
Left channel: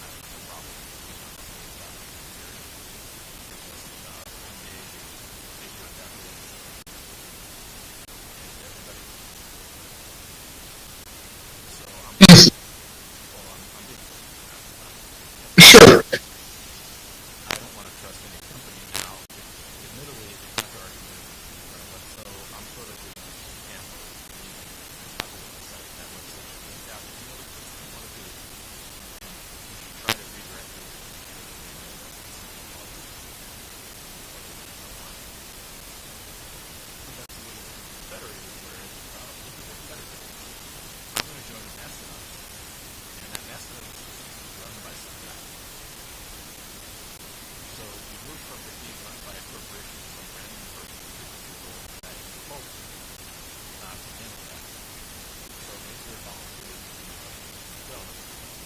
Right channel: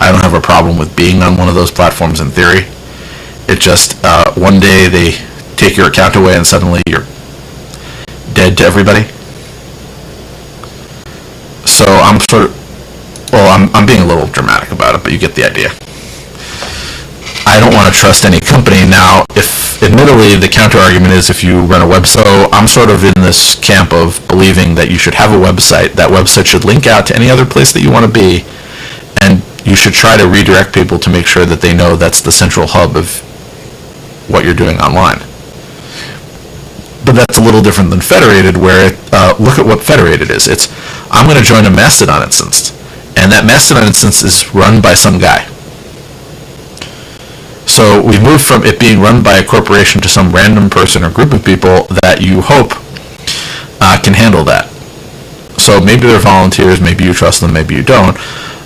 I don't have a problem with being on one of those platforms in theory. It just, one day they take your account away and suddenly you're dead to everybody. So I'm sort of, I'm being a little dramatic about it, but you get the idea. Sure. I don't want to trust any company. Now, if admittedly the counter argument is if you run a website, so I'm sort of in this camp of believing that you should have a website. That website should link out to any other place that you want to be, and you should try to redirect people to make sure that they know that's the central hub of what you're doing online. But that's a little different than federated, where look at what federated is. It's, I'm going to join a Mastodon instance, and that Mastodon instance is run by some guy. So we've moved from it being run by a corporation to some random person or group of people that you hope can handle that. So maybe they're volunteers, maybe you trust them, maybe you don't.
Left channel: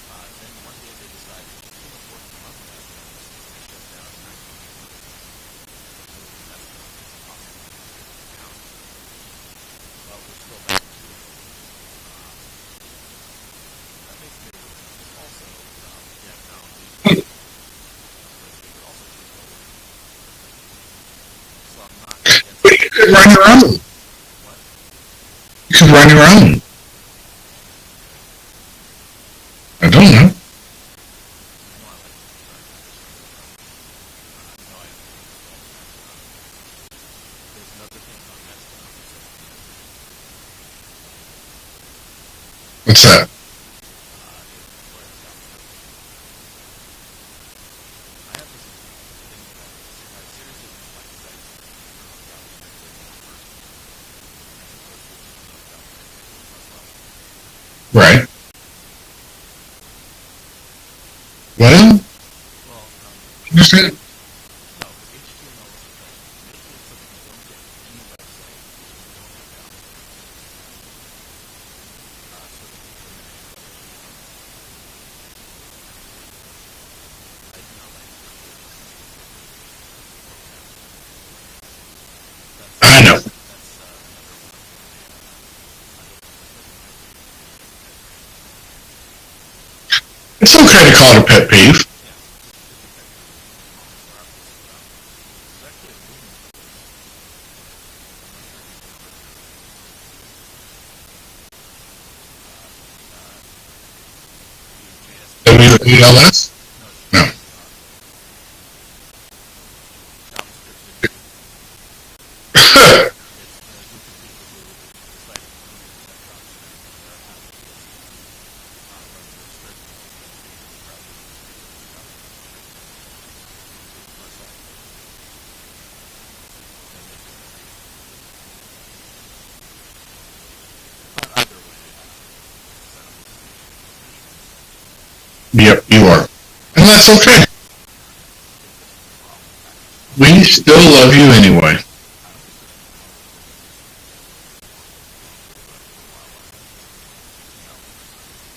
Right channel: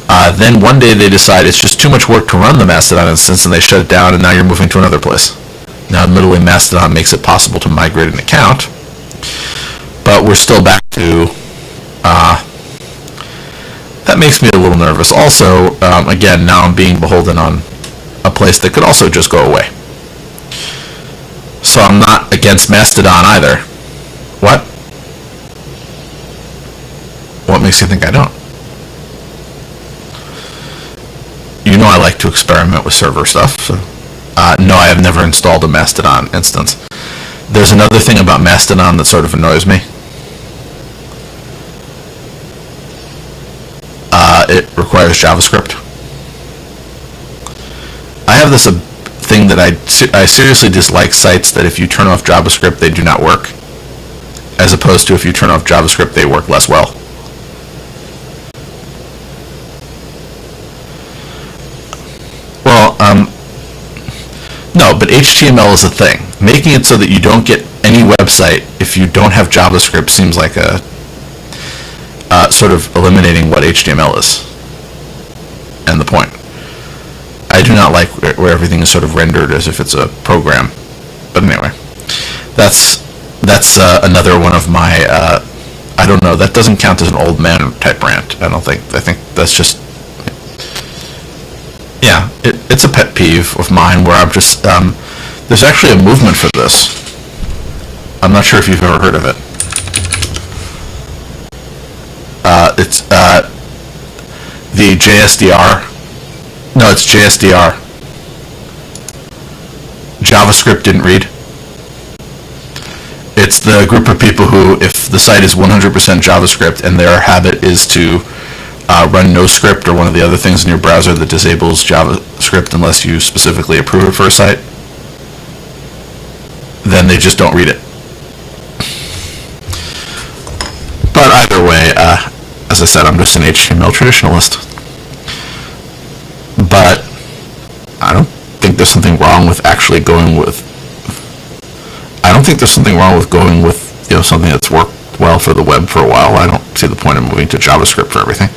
Then one day they decide it's just too much work to run the Mastodon instance, and they shut it down, and now you're moving to another place. Now, admittedly, Mastodon makes it possible to migrate an account, but we're still back to... that makes me a little nervous. Also, again, now I'm being beholden on a place that could also just go away. So I'm not against Mastodon either. What? You can run your own. What makes you think I don't? I don't know. You know I like to experiment with server stuff, so... no, I have never installed a Mastodon instance. There's another thing about Mastodon that sort of annoys me. What's that? It requires JavaScript. I have this thing that I seriously dislike sites that if you turn off JavaScript, they do not work. As opposed to if you turn off JavaScript, they work less well. Right. Well, understand. No, but HTML is a thing. Making it so that you don't get any website if you don't have JavaScript seems like a sort of eliminating what HTML is and the point. I do not like where everything is sort of rendered as if it's a program. But anyway, that's another one of my I don't know. That doesn't count as an old man type rant. I don't think. I think that's just. It's okay to call it a pet peeve. Yeah, it's a pet peeve of mine where I'm just. There's actually a movement for this. I'm not sure if you've ever heard of it. It's the JSDR. ELS? No, it's JSDR. JavaScript didn't read. It's the group of people who, if the site is 100% JavaScript and their habit is to run no script or one of the other things in your browser that disables JavaScript unless you specifically approve it for a site, then they just don't read it. But either way, as I said, I'm just an HTML traditionalist. Yep, you are. But and that's okay. I don't think there's something wrong with actually going We with... still love you anyway. I don't think there's something wrong with going with, something that's worked well for the web for a while. I don't see the point of moving to JavaScript for everything.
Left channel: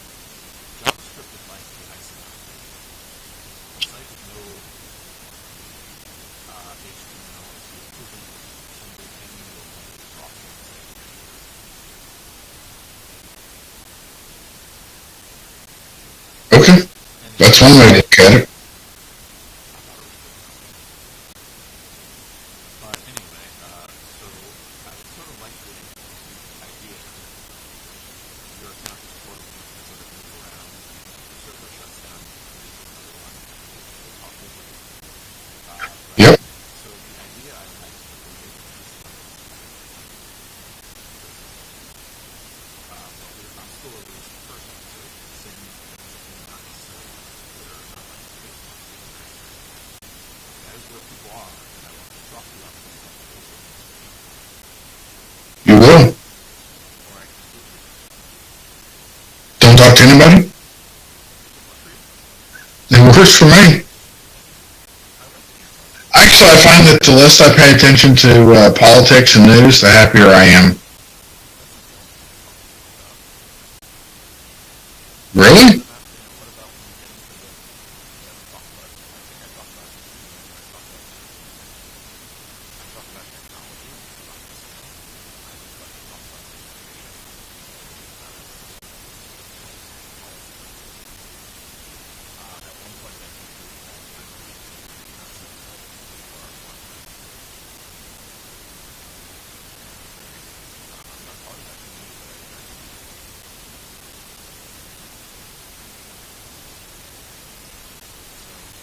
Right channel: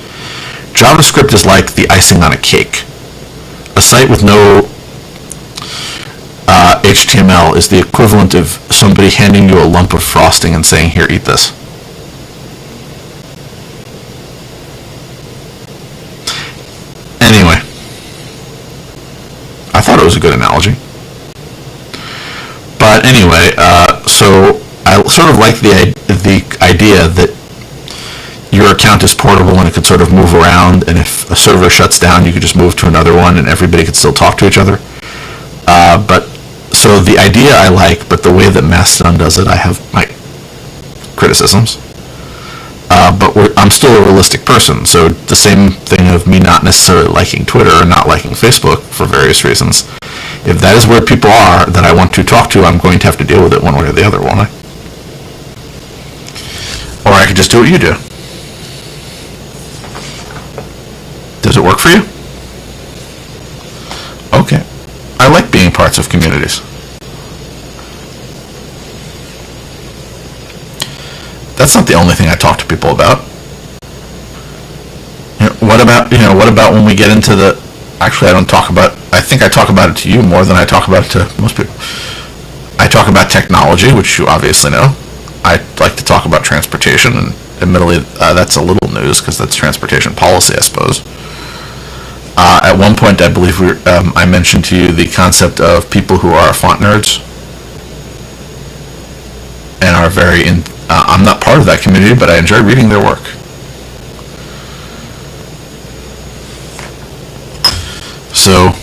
JavaScript is like the icing on a cake. A site with no HTML is the equivalent of somebody handing you a lump of frosting and saying, here, eat this. Okay. Anyway. That's one way to look at it. I thought it was a good analogy. But anyway, so I sort of like the idea that your account is portable and it could sort of move around, and if a server shuts down, you could just move to another one and everybody could still talk to each other. But so the idea I like, but the way that Mastodon does it, I have my criticisms. But I'm still a realistic person, so the same thing of me not necessarily liking Twitter or not liking Facebook for various reasons. If that is where people are that I want to talk to, I'm going to have to deal with it one way or the other, won't I? You will. Or I could just do what you do. Don't talk to anybody? Does it work for you? It works for me. Okay. I like being parts of community. Actually, I find that the less I pay attention to politics and news, the happier I am. That's not the only thing I talk to people about. Really? What about when we get into the... Actually, I think I talk about it to you more than I talk about it to most people. I talk about technology, which you obviously know. I like to talk about transportation, and admittedly, that's a little news because that's transportation policy, I suppose. At one point, I believe I mentioned to you the concept of people who are font nerds and are very I'm not part of that community, but I enjoy reading their work. So,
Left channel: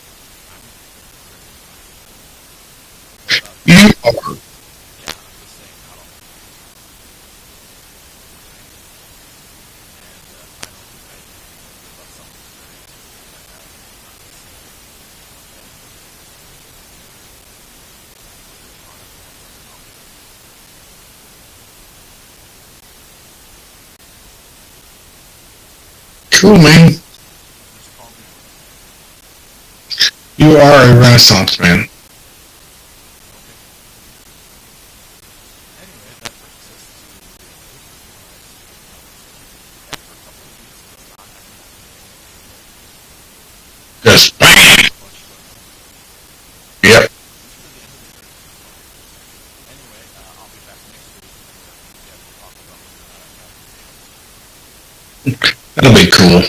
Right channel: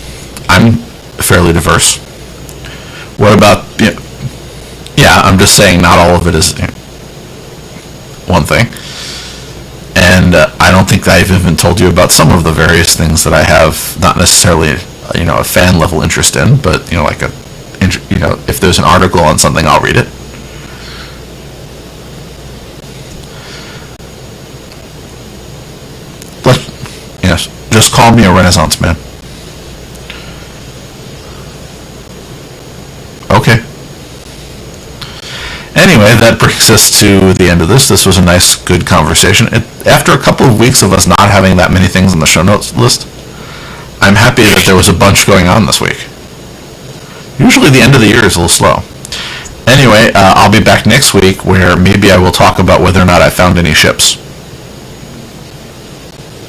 I'm fairly diverse. What about... Yeah, I'm just saying not all of it is one thing. And I don't think I've even told you about some of the various things that I have not necessarily, a fan level interest in, but, if there's an article on something, I'll read it. Cool, man. Yes. Just call me a Renaissance man. You are a Renaissance man. Okay. Anyway, that brings us to the end of this. This was a nice, good conversation. After a couple of weeks of us not having that many things on the show notes list, I'm happy that there was a bunch going on this week. Yep. Usually the end of the year is a little slow. Anyway, I'll be back next week where maybe I will talk about whether or not I found any ships. That'll be cool.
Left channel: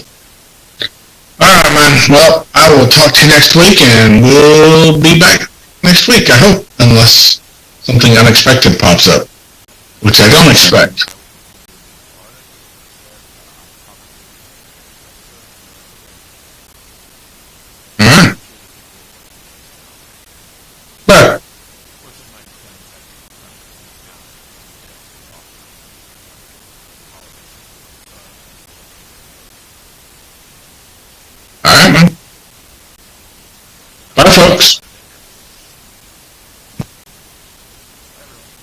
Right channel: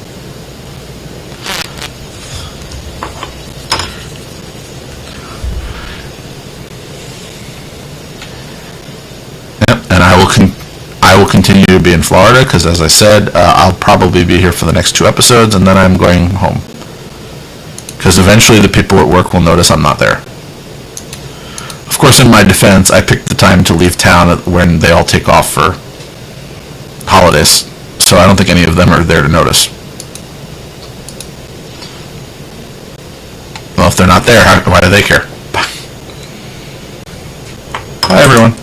Alright, man. Well, I will talk to you next week, and we'll be back next week, I hope, unless something unexpected pops up. Yep, and I will continue to be in Florida, because as I said, I'll probably be here for the next 2 episodes, and then I'm going home. Because eventually the people at work will notice I'm not there. But, of course, in my defense, I picked the time to leave town when they all take off for holidays, so I don't think any of them are there to notice. alright, man. Well, if they're not Bye, there, folks. why do they care? Bye, everyone.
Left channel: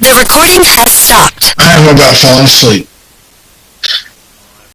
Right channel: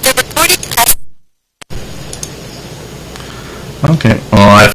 The recording has stopped. I am about falling asleep. Okay, well, I